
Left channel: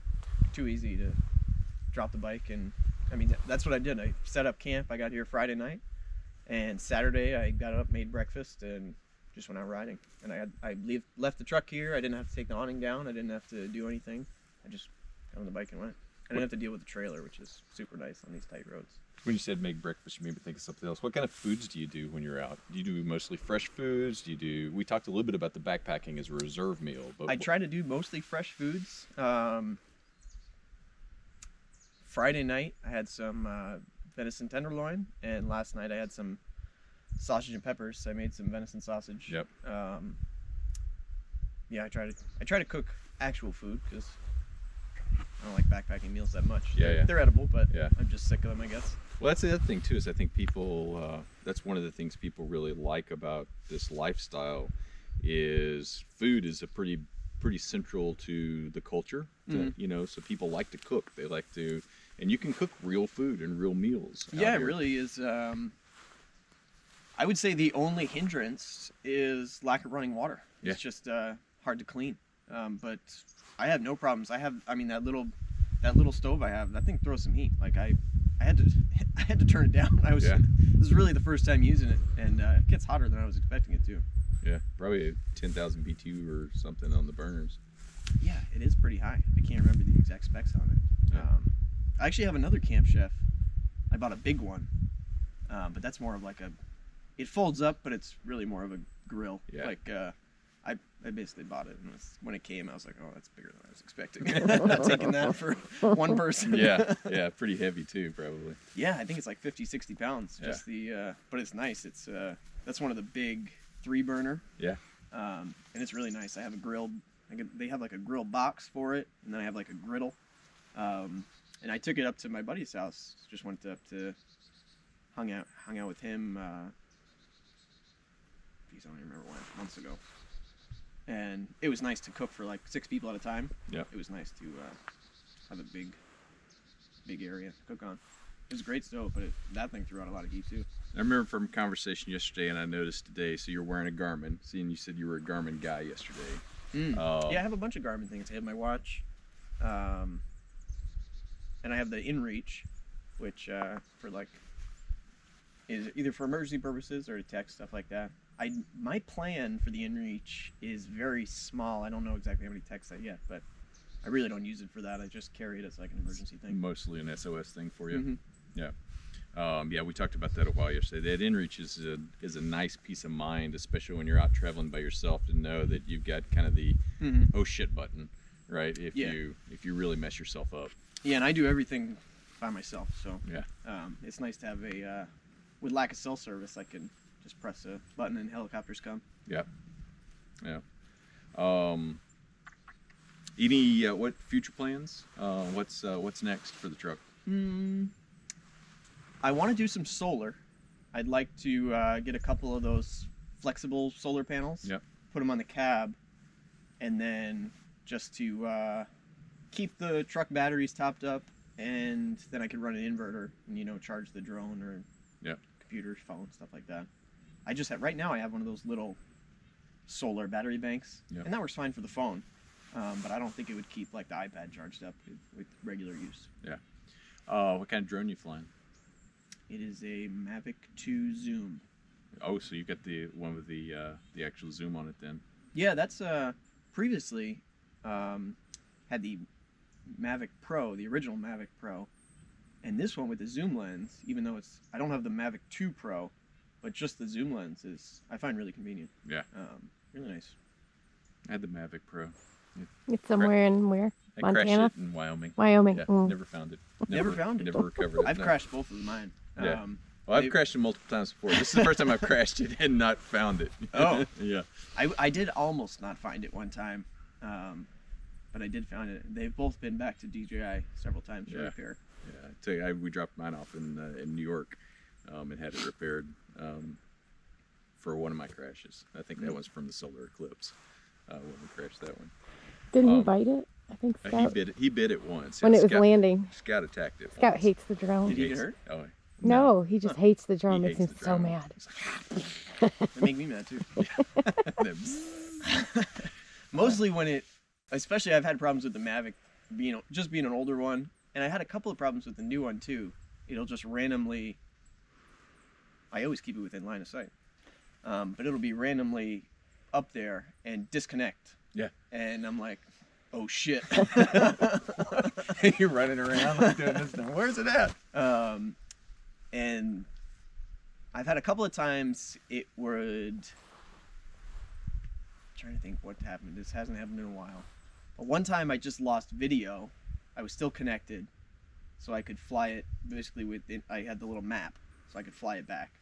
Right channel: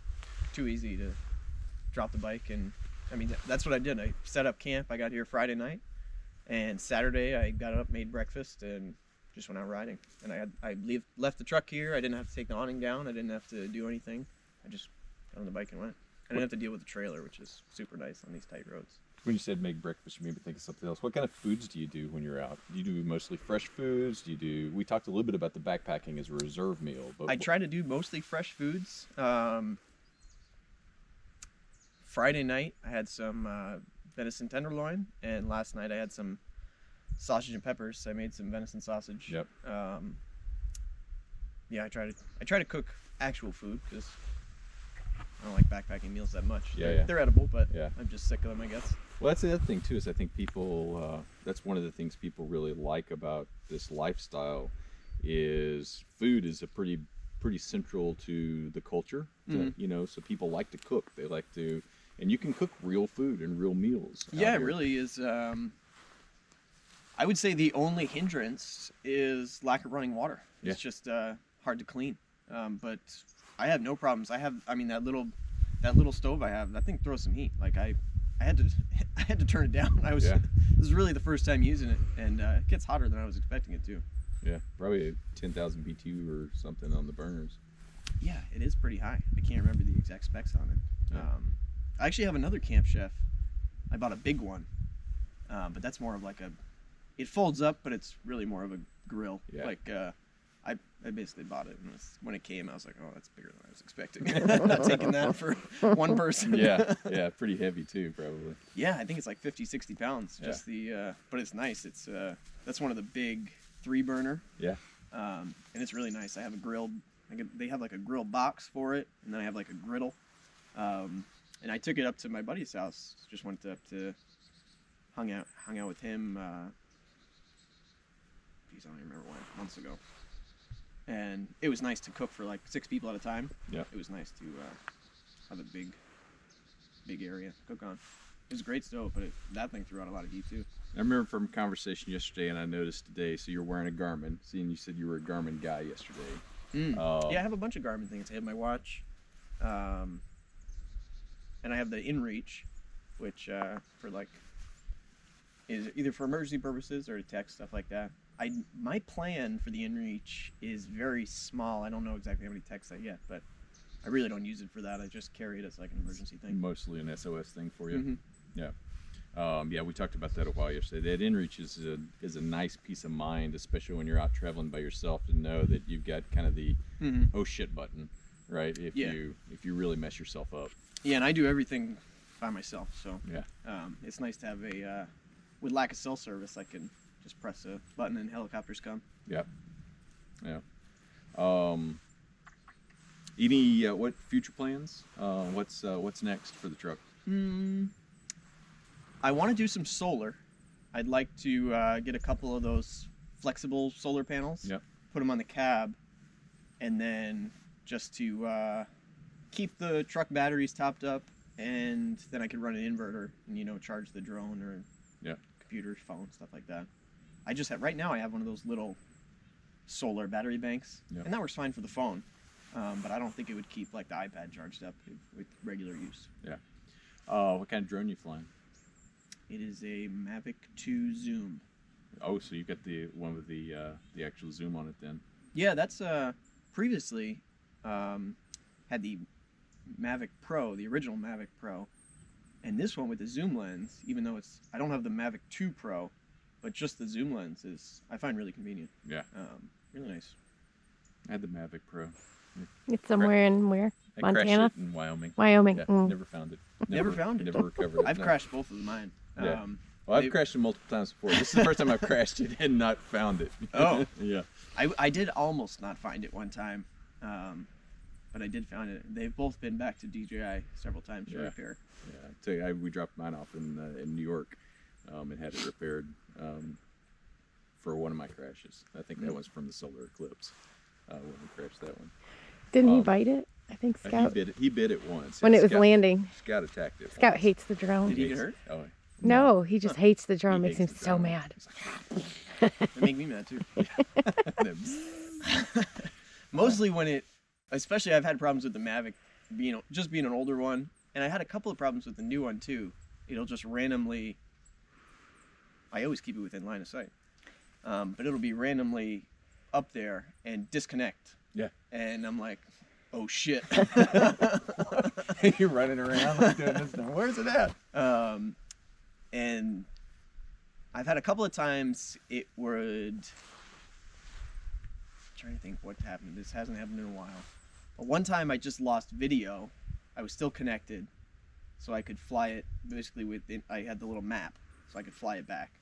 too easy to drop the bike, and I mean that's what I did. I set up camp. I got here Friday night, and Saturday I got up, made breakfast, and just went out riding. And I left the truck here. I didn't have to take the awning down. I didn't have to do anything. I just got on the bike and went. I didn't have to deal with the trailer, which is super nice on these tight roads. When you said make breakfast, you made me think of something else. What kind of foods do you do when you're out? Do you do mostly fresh foods? We talked a little bit about the backpacking as a reserve meal, but I try to do mostly fresh foods. Friday night I had some venison tenderloin, and last night I had some sausage and peppers. I made some venison sausage. Yep. Yeah, I try to cook actual food because I don't like backpacking meals that much. Yeah. They're edible, but Yeah. I'm just sick of them, I guess. Well, that's the other thing too, is I think people, that's one of the things people really like about this lifestyle is food is a pretty central to the culture, so people like to cook. They like to, and you can cook real food and real meals. Yeah, it really is. I would say the only hindrance is lack of running water. Yeah. It's just hard to clean. But I have no problems. That little stove I have, that thing throws some heat. Like I had to turn it down. This is really the first time using it, and it gets hotter than I was expecting it to. Yeah, probably 10,000 BTU or something on the burners. Yeah, it is pretty high. I can't remember the exact specs on it. Yeah. I actually have another Camp Chef. I bought a big one, but that's more of like it folds up, but it's really more of a grill. Yeah. Like I basically bought it, and when it came, I was like, oh, that's bigger than I was expecting. I'm not taking that for one person. Yeah, pretty heavy too, probably. Yeah, I think it's like 50, 60 pounds. Just but it's nice. It's that's one of the big 3-burner. Yeah. And it's really nice. I have a grilled. They have like a grill box for it, and then I have like a griddle. And I took it up to my buddy's house. Just went up to hung out with him. Geez, I don't even remember when. Months ago. And it was nice to cook for like 6 people at a time. Yeah. It was nice to have a big area to cook on. It was a great stove, but that thing threw out a lot of heat too. I remember from a conversation yesterday, and I noticed today. So you're wearing a Garmin. Seeing you said you were a Garmin guy yesterday. Yeah, I have a bunch of Garmin things. I have my watch, and I have the InReach, which for like is either for emergency purposes or to text, stuff like that. My plan for the InReach is very small. I don't know exactly how many texts I get, but I really don't use it for that. I just carry it as like an emergency thing. Mostly an SOS thing for you. Mm-hmm. Yeah. Yeah, we talked about that a while yesterday. That InReach is a nice peace of mind, especially when you're out traveling by yourself, to know that you've got kind of the oh shit button, right? If you really mess yourself up. Yeah, and I do everything by myself, so yeah, it's nice to have a with lack of cell service, I can just press a button and helicopters come. Yeah. Any what future plans? What's next for the truck? I want to do some solar. I'd like to get a couple of those flexible solar panels. Yep. Put them on the cab, and then just to keep the truck batteries topped up, and then I could run an inverter and charge the drone or computer, phone, stuff like that. Right now I have one of those little solar battery banks, and that works fine for the phone. But I don't think it would keep like the iPad charged up with regular use. Yeah. What kind of drone you flying? It is a Mavic 2 Zoom. Oh, so you got the one with the actual zoom on it then? Yeah, that's previously had the Mavic Pro, the original Mavic Pro, and this one with the zoom lens. Even though I don't have the Mavic 2 Pro, but just the zoom lens I find really convenient. Yeah. Really nice. I had the Mavic Pro. It's somewhere in where? I Montana? crashed it in Wyoming. Wyoming. Yeah, Mm. never found it. Never found it? Never recovered it. I've no. crashed both of mine. Yeah. Well, I've crashed it multiple times before. This is the first time I've crashed it and not found it. Oh. Yeah. I did almost not find it one time, but I did find it. They've both been back to DJI several times for repair. Yeah, I tell you, we dropped mine off in New York and had it repaired for one of my crashes. I think that was from the solar eclipse when we crashed that one. Didn't he bite it? I think Scout. He bit it once. When Yeah, it was Scout, landing. Scout attacked it. Scout once. hates the drone. Did he get hurt? Oh, No, he just hates the drone. He Makes hates him the so drone. mad. They make me mad too. Mostly when especially I've had problems with the Mavic being an older one, and I had a couple of problems with the new one too. It'll just randomly, I always keep it within line of sight, but it'll be randomly up there and disconnect. Yeah. And I'm like, oh shit. You're running around like doing this. Where's it at? And I've had a couple of times it would. I'm trying to think what happened. This hasn't happened in a while. But one time I just lost video. I was still connected, so I could fly it basically I had the little map, so I could fly it back.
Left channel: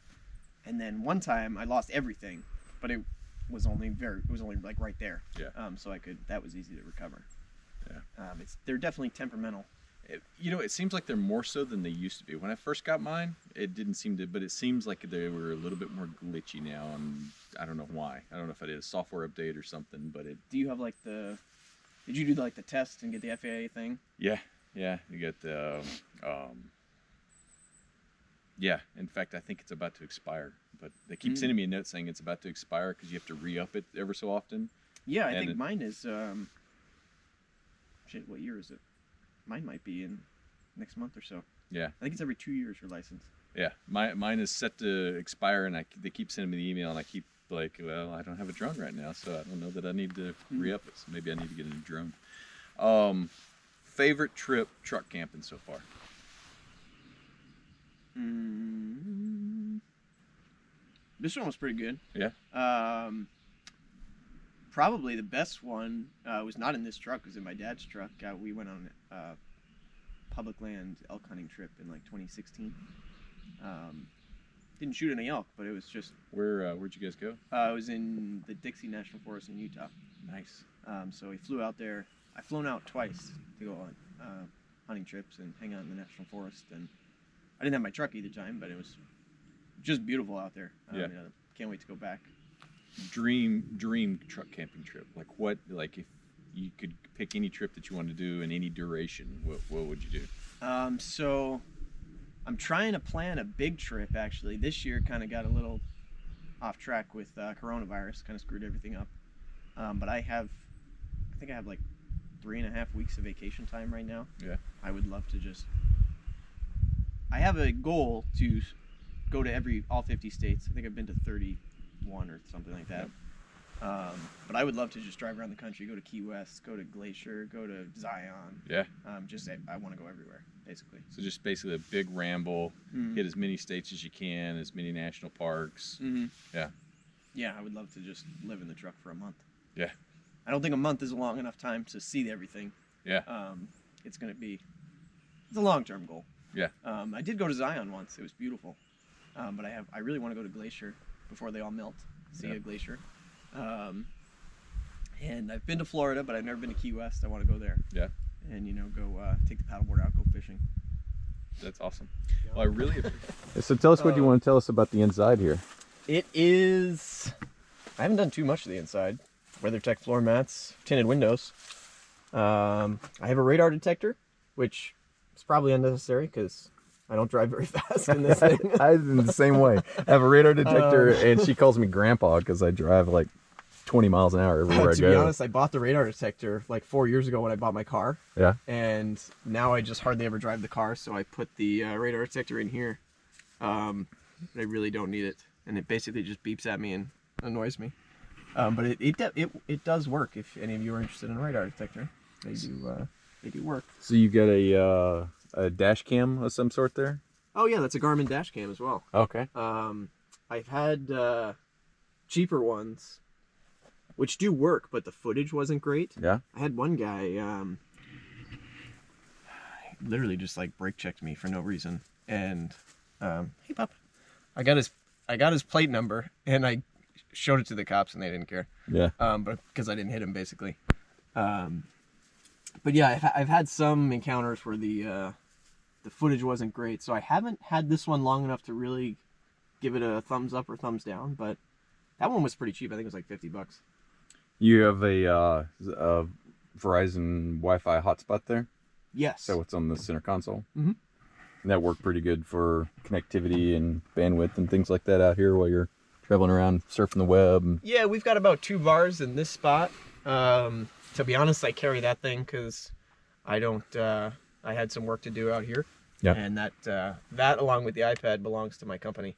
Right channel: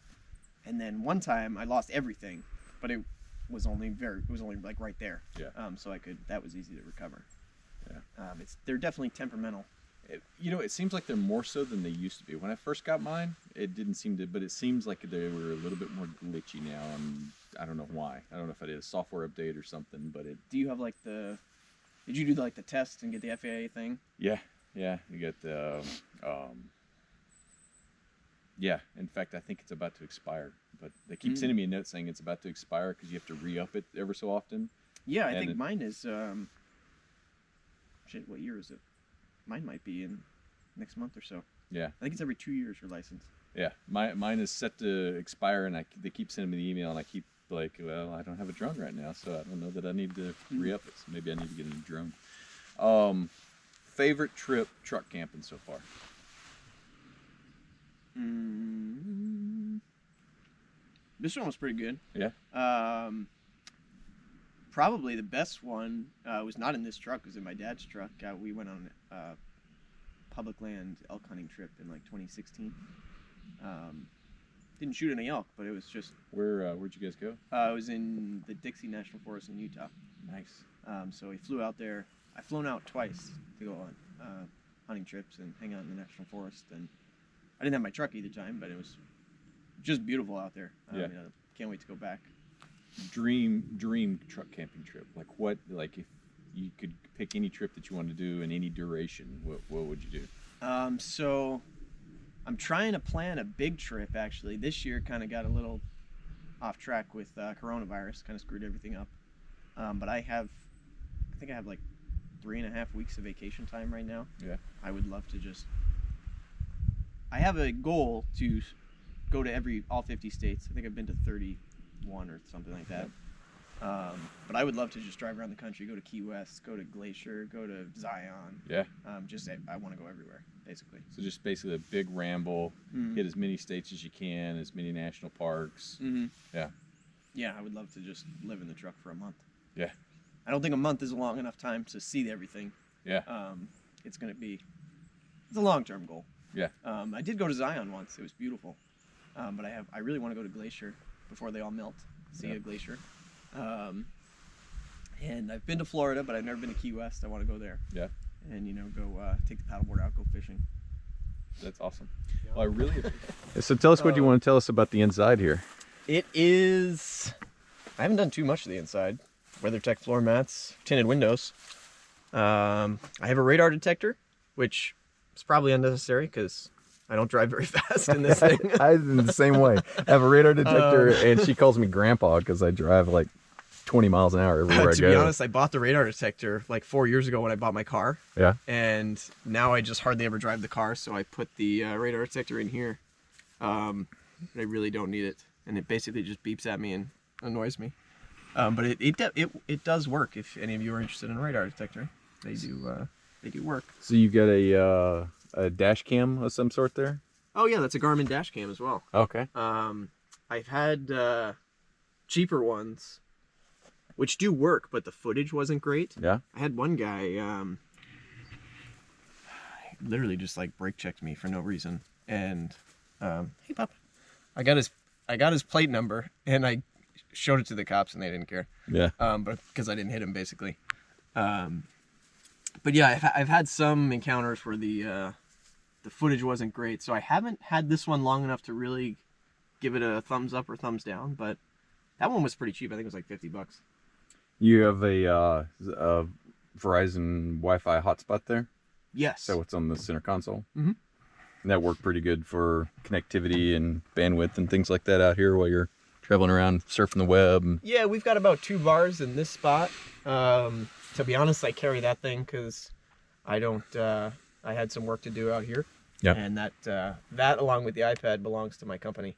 And then one time I lost everything, but it was only like right there. Yeah. So that was easy to recover. Yeah. They're definitely temperamental. It seems like they're more so than they used to be. When I first got mine, it didn't seem to, but it seems like they were a little bit more glitchy now, and I don't know why. I don't know if I did a software update or something, but Do you have did you do like the test and get the FAA thing? Yeah, you got the, yeah, in fact, I think it's about to expire, but they keep sending me a note saying it's about to expire because you have to re-up it ever so often. Yeah, I think mine is, what year is it? Mine might be in next month or so. Yeah. I think it's every 2 years your license. Yeah, mine is set to expire, and they keep sending me the email, and I keep like, well, I don't have a drone right now, so I don't know that I need to re-up it. So maybe I need to get a new drone. Favorite trip truck camping so far? This one was pretty good. Yeah. Probably the best one was not in this truck. It was in my dad's truck. We went on a public land elk hunting trip in like 2016. Didn't shoot any elk, but it was just. Where'd you guys go? It was in the Dixie National Forest in Utah. Nice. So we flew out there. I've flown out twice to go on hunting trips and hang out in the national forest. And I didn't have my truck either time, but it was just beautiful out there. Yeah. Can't wait to go back. Dream truck camping trip. Like if you could pick any trip that you want to do in any duration, what would you do? So I'm trying to plan a big trip actually. This year kind of got a little off track with coronavirus, kind of screwed everything up. But I think I have like 3.5 weeks of vacation time right now. Yeah. I would love to I have a goal to go to all 50 states. I think I've been to 31 or something like that. But I would love to just drive around the country, go to Key West, go to Glacier, go to Zion. Yeah. I want to go everywhere, basically. So just basically a big ramble, hit as many states as you can, as many national parks. Yeah. Yeah, I would love to just live in the truck for a month. Yeah. I don't think a month is a long enough time to see everything. Yeah. It's a long-term goal. Yeah. I did go to Zion once. It was beautiful. But I really want to go to Glacier before they all melt. See a glacier. And I've been to Florida, but I've never been to Key West. I want to go there. Yeah. And go take the paddleboard out, go fishing. That's awesome. Well, I really. So tell us what you want to tell us about the inside here. It is. I haven't done too much to the inside. WeatherTech floor mats, tinted windows. I have a radar detector, which is probably unnecessary because I don't drive very fast in this thing. I'm the same way. I have a radar detector, and she calls me grandpa because I drive like 20 miles an hour everywhere I go. To be honest, I bought the radar detector like 4 years ago when I bought my car. Yeah. And now I just hardly ever drive the car, so I put the radar detector in here. I really don't need it, and it basically just beeps at me and annoys me. But it does work. If any of you are interested in a radar detector, they do work. So you got a dash cam of some sort there? Oh yeah, that's a Garmin Dash Cam as well. Okay. I've had cheaper ones, which do work, but the footage wasn't great. Yeah. I had one guy literally just like brake checked me for no reason, and hey pup, I got his plate number and I showed it to the cops and they didn't care. Yeah. But because I didn't hit him basically. But yeah, I've had some encounters where the footage wasn't great, so I haven't had this one long enough to really give it a thumbs up or thumbs down. But that one was pretty cheap. I think it was like $50. You have a Verizon Wi-Fi hotspot there? Yes. So it's on the center console? Mm-hmm. And that worked pretty good for connectivity and bandwidth and things like that out here while you're traveling around surfing the web? Yeah, we've got about 2 bars in this spot. To be honest, I carry that thing because I had some work to do out here. Yeah. And that along with the iPad belongs to my company.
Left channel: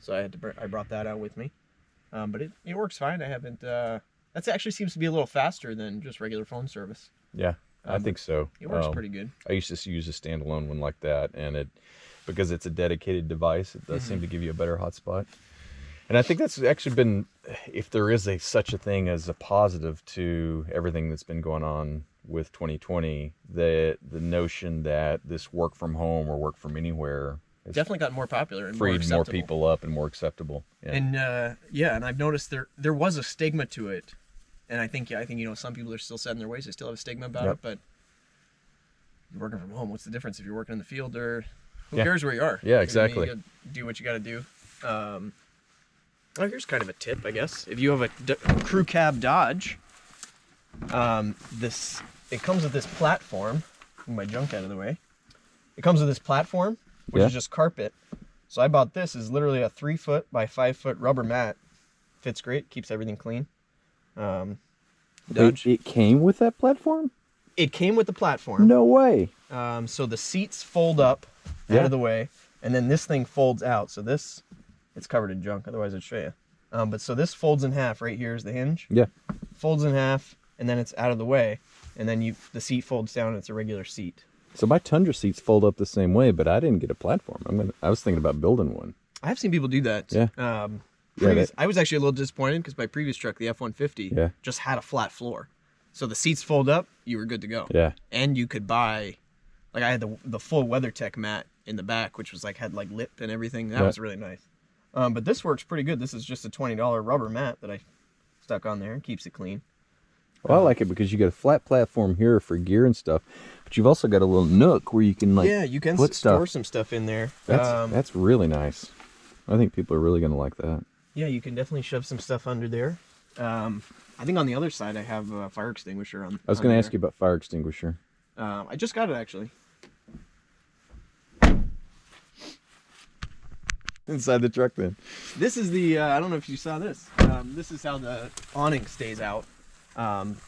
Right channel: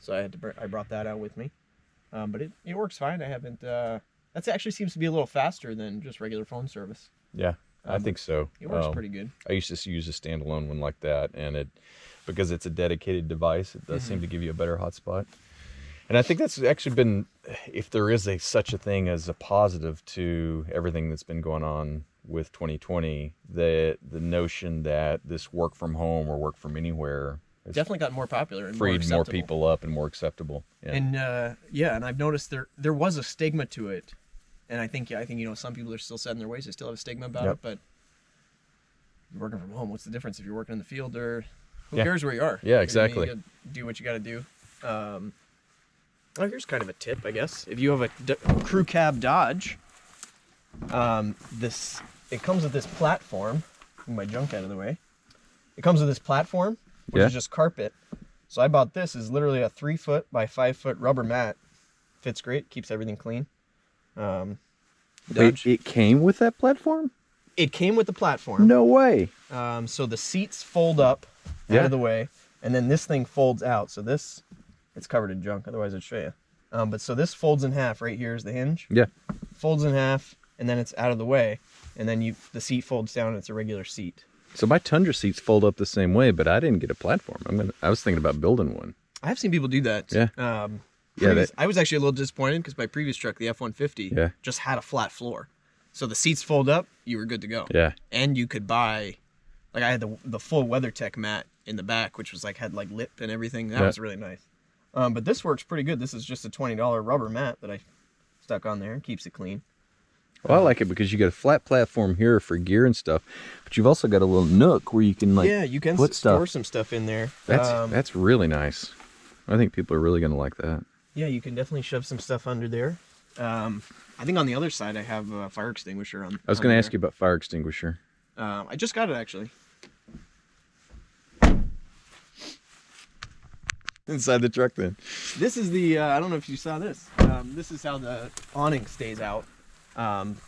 So I brought that out with me. But it works fine. I haven't. That actually seems to be a little faster than just regular phone service. Yeah, I think so. It works pretty good. I used to use a standalone one like that, and because it's a dedicated device, it does seem to give you a better hotspot. And I think that's actually been, if there is such a thing as a positive to everything that's been going on with 2020, the notion that this work from home or work from anywhere has definitely gotten more popular and freed more people up and more acceptable. Yeah. And and I've noticed there was a stigma to it, and I think some people are still set in their ways. They still have a stigma about it, but you're working from home. What's the difference if you're working in the field or who cares where you are? Yeah, exactly. You gotta do what you got to do. Here's kind of a tip, I guess. If you have a crew cab Dodge, it comes with this platform. Move my junk out of the way. It comes with this platform, which is just carpet. So I bought this. Is literally a 3-foot by 5-foot rubber mat. Fits great. Keeps everything clean. It came with that platform? It came with the platform. No way. So the seats fold up out of the way, and then this thing folds out. So it's covered in junk. Otherwise, I'd show you. But so this folds in half. Right here is the hinge. Yeah. Folds in half, and then it's out of the way, and then the seat folds down. And it's a regular seat. So my Tundra seats fold up the same way, but I didn't get a platform. I was thinking about building one. I have seen people do that. Yeah. I was actually a little disappointed because my previous truck, the F-150, just had a flat floor. So the seats fold up, you were good to go. Yeah. And you could buy, I had the full WeatherTech mat in the back, which was had lip and everything. That was really nice. But this works pretty good. This is just a $20 rubber mat that I stuck on there and keeps it clean. Well, I like it because you got a flat platform here for gear and stuff, but you've also got a little nook where you can you can put store stuff. some stuff in there. That's really nice. I think people are really going to like that. Yeah, you can definitely shove some stuff under there. I think on the other side I have a fire extinguisher on. I was going to ask you about fire extinguisher. I just got it actually. Inside the truck then. This is the, I don't know if you saw this. This is how the awning stays out.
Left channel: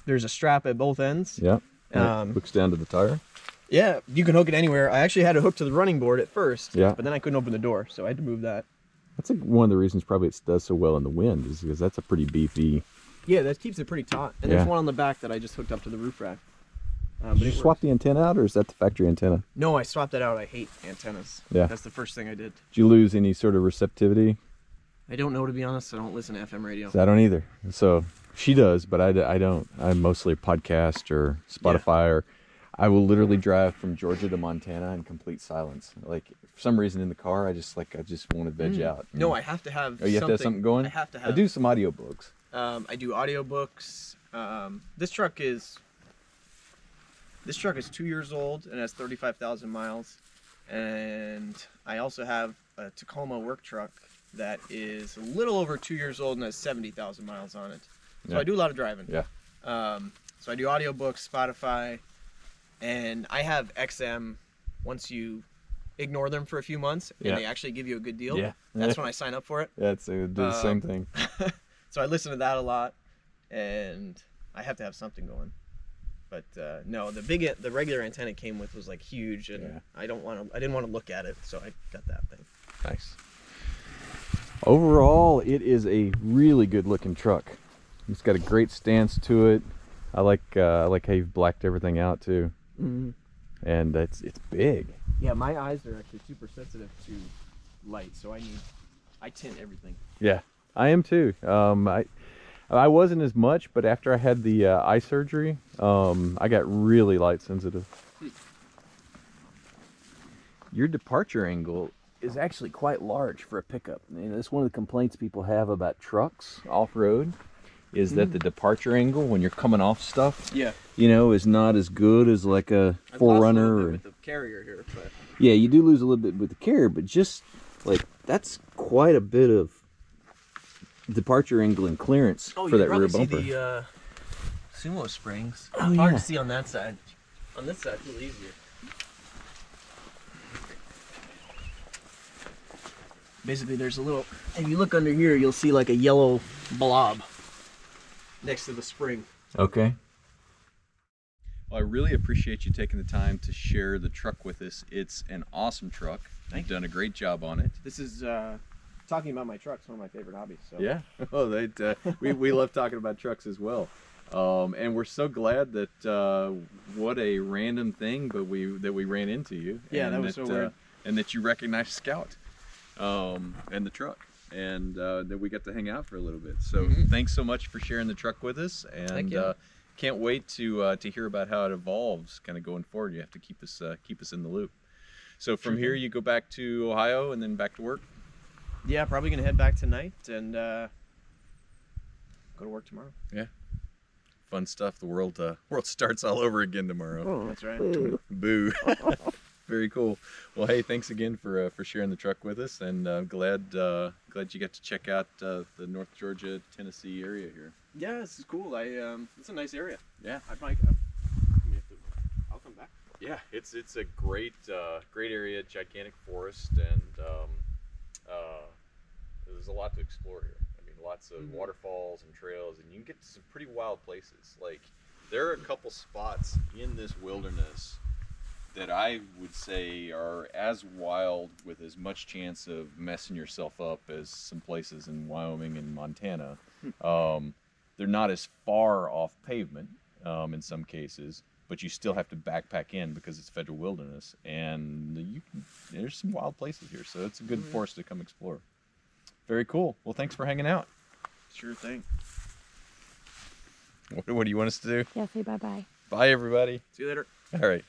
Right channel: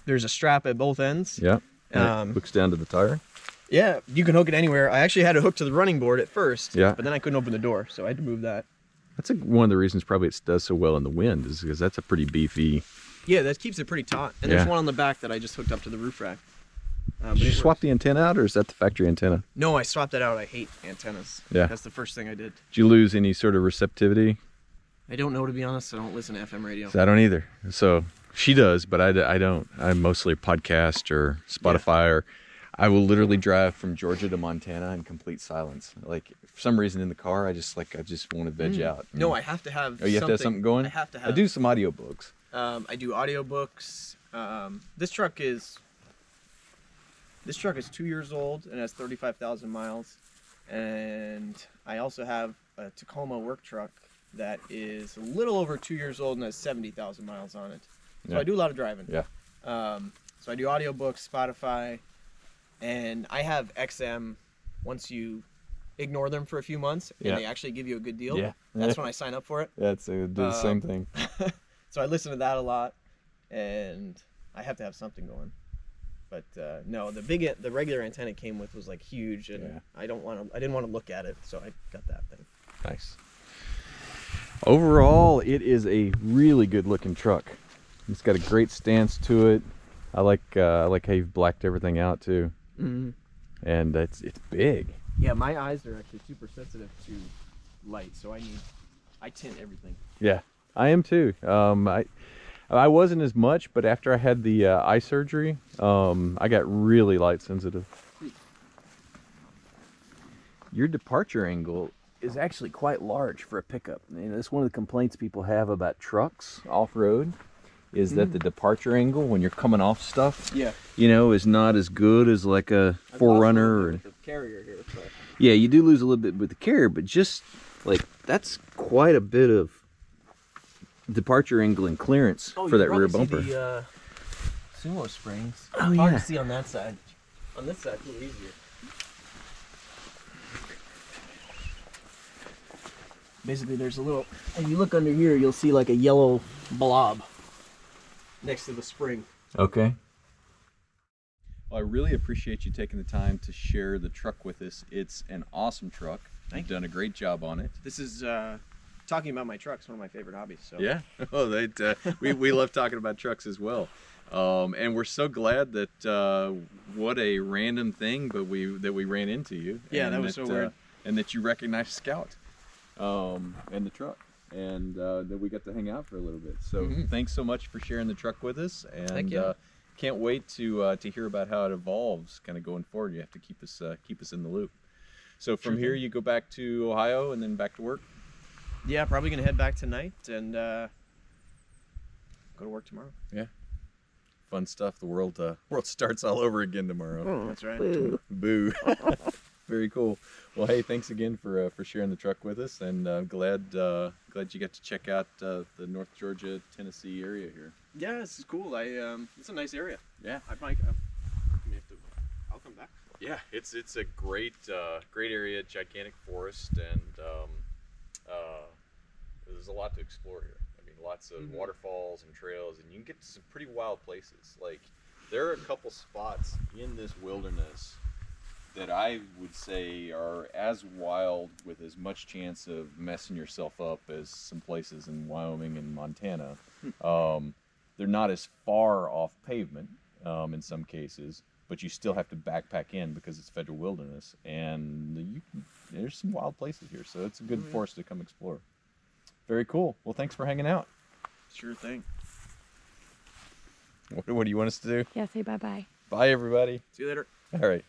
There's a strap at both ends. Yeah. It hooks down to the tire. Yeah, you can hook it anywhere. I actually had it hooked to the running board at first. Yeah. But then I couldn't open the door, so I had to move that. That's one of the reasons probably it does so well in the wind, is because that's a pretty beefy. Yeah, that keeps it pretty taut. And there's one on the back that I just hooked up to the roof rack. Did you swap the antenna out, or is that the factory antenna? No, I swapped that out. I hate antennas. Yeah. That's the first thing I did. Did you lose any sort of receptivity? I don't know, to be honest. I don't listen to FM radio. I don't either. So she does, but I don't. I'm mostly a podcast or Spotify, or I will literally drive from Georgia to Montana in complete silence. Like, for some reason in the car, I just want to veg out. No, I have to have. Oh, you have to have something going? I have to have. I do some audiobooks. I do audiobooks. This truck is 2 years old and has 35,000 miles. And I also have a Tacoma work truck that is a little over 2 years old and has 70,000 miles on it. So I do a lot of driving. Yeah. So I do audiobooks, Spotify, and I have XM. Once you ignore them for a few months and they actually give you a good deal, that's when I sign up for it. Yeah, it's the same thing. So I listen to that a lot, and I have to have something going. But no, the regular antenna it came with was like huge, and I didn't want to look at it, so I got that thing. Nice. Overall, it is a really good looking truck. It's got a great stance to it. I like how you've blacked everything out too. Mm-hmm. And it's big. Yeah, my eyes are actually super sensitive to light, so I tint everything. Yeah, I am too. I wasn't as much, but after I had the eye surgery, I got really light sensitive. Your departure angle is actually quite large for a pickup. And that's one of the complaints people have about trucks off-road, is that the departure angle when you're coming off stuff, is not as good as like a Forerunner or with the carrier here. But... Yeah, you do lose a little bit with the carrier, but just like that's quite a bit of departure angle and clearance for that rear bumper. See the sumo springs. Oh, hard to see on that side. On this side, it's a little easier. Basically, there's a little. If you look under here, you'll see like a yellow blob next to the spring. Okay. Well, I really appreciate you taking the time to share the truck with us. It's an awesome truck. You've done a great job on it. This is talking about my truck's one of my favorite hobbies. So. Yeah. Oh, we love talking about trucks as well. And we're so glad that what a random thing, but we ran into you. Yeah, and that was so weird. And that you recognized Scout and the truck, and that we got to hang out for a little bit. So thanks so much for sharing the truck with us, and can't wait to hear about how it evolves kind of going forward. You have to keep us in the loop. So from here you go back to Ohio and then back to work? Yeah, probably gonna head back tonight and go to work tomorrow. Yeah. Fun stuff. The world starts all over again tomorrow. Oh, that's right. Boo. Very cool. Well, hey, thanks again for sharing the truck with us, and I'm glad you got to check out the North Georgia, Tennessee area here. Yeah, this is cool. It's a nice area. Yeah. I'll come back. Yeah, it's a great area, gigantic forest, and there's a lot to explore here. I mean, lots of waterfalls and trails, and you can get to some pretty wild places. Like, there are a couple spots in this wilderness that I would say are as wild, with as much chance of messing yourself up, as some places in Wyoming and Montana. They're not as far off pavement in some cases, but you still have to backpack in because it's federal wilderness, and there's some wild places here, so it's a good forest to come explore. Very cool. Well, thanks for hanging out. Sure thing. What do you want us to do? Yeah, say bye-bye. Bye, everybody. See you later. All right.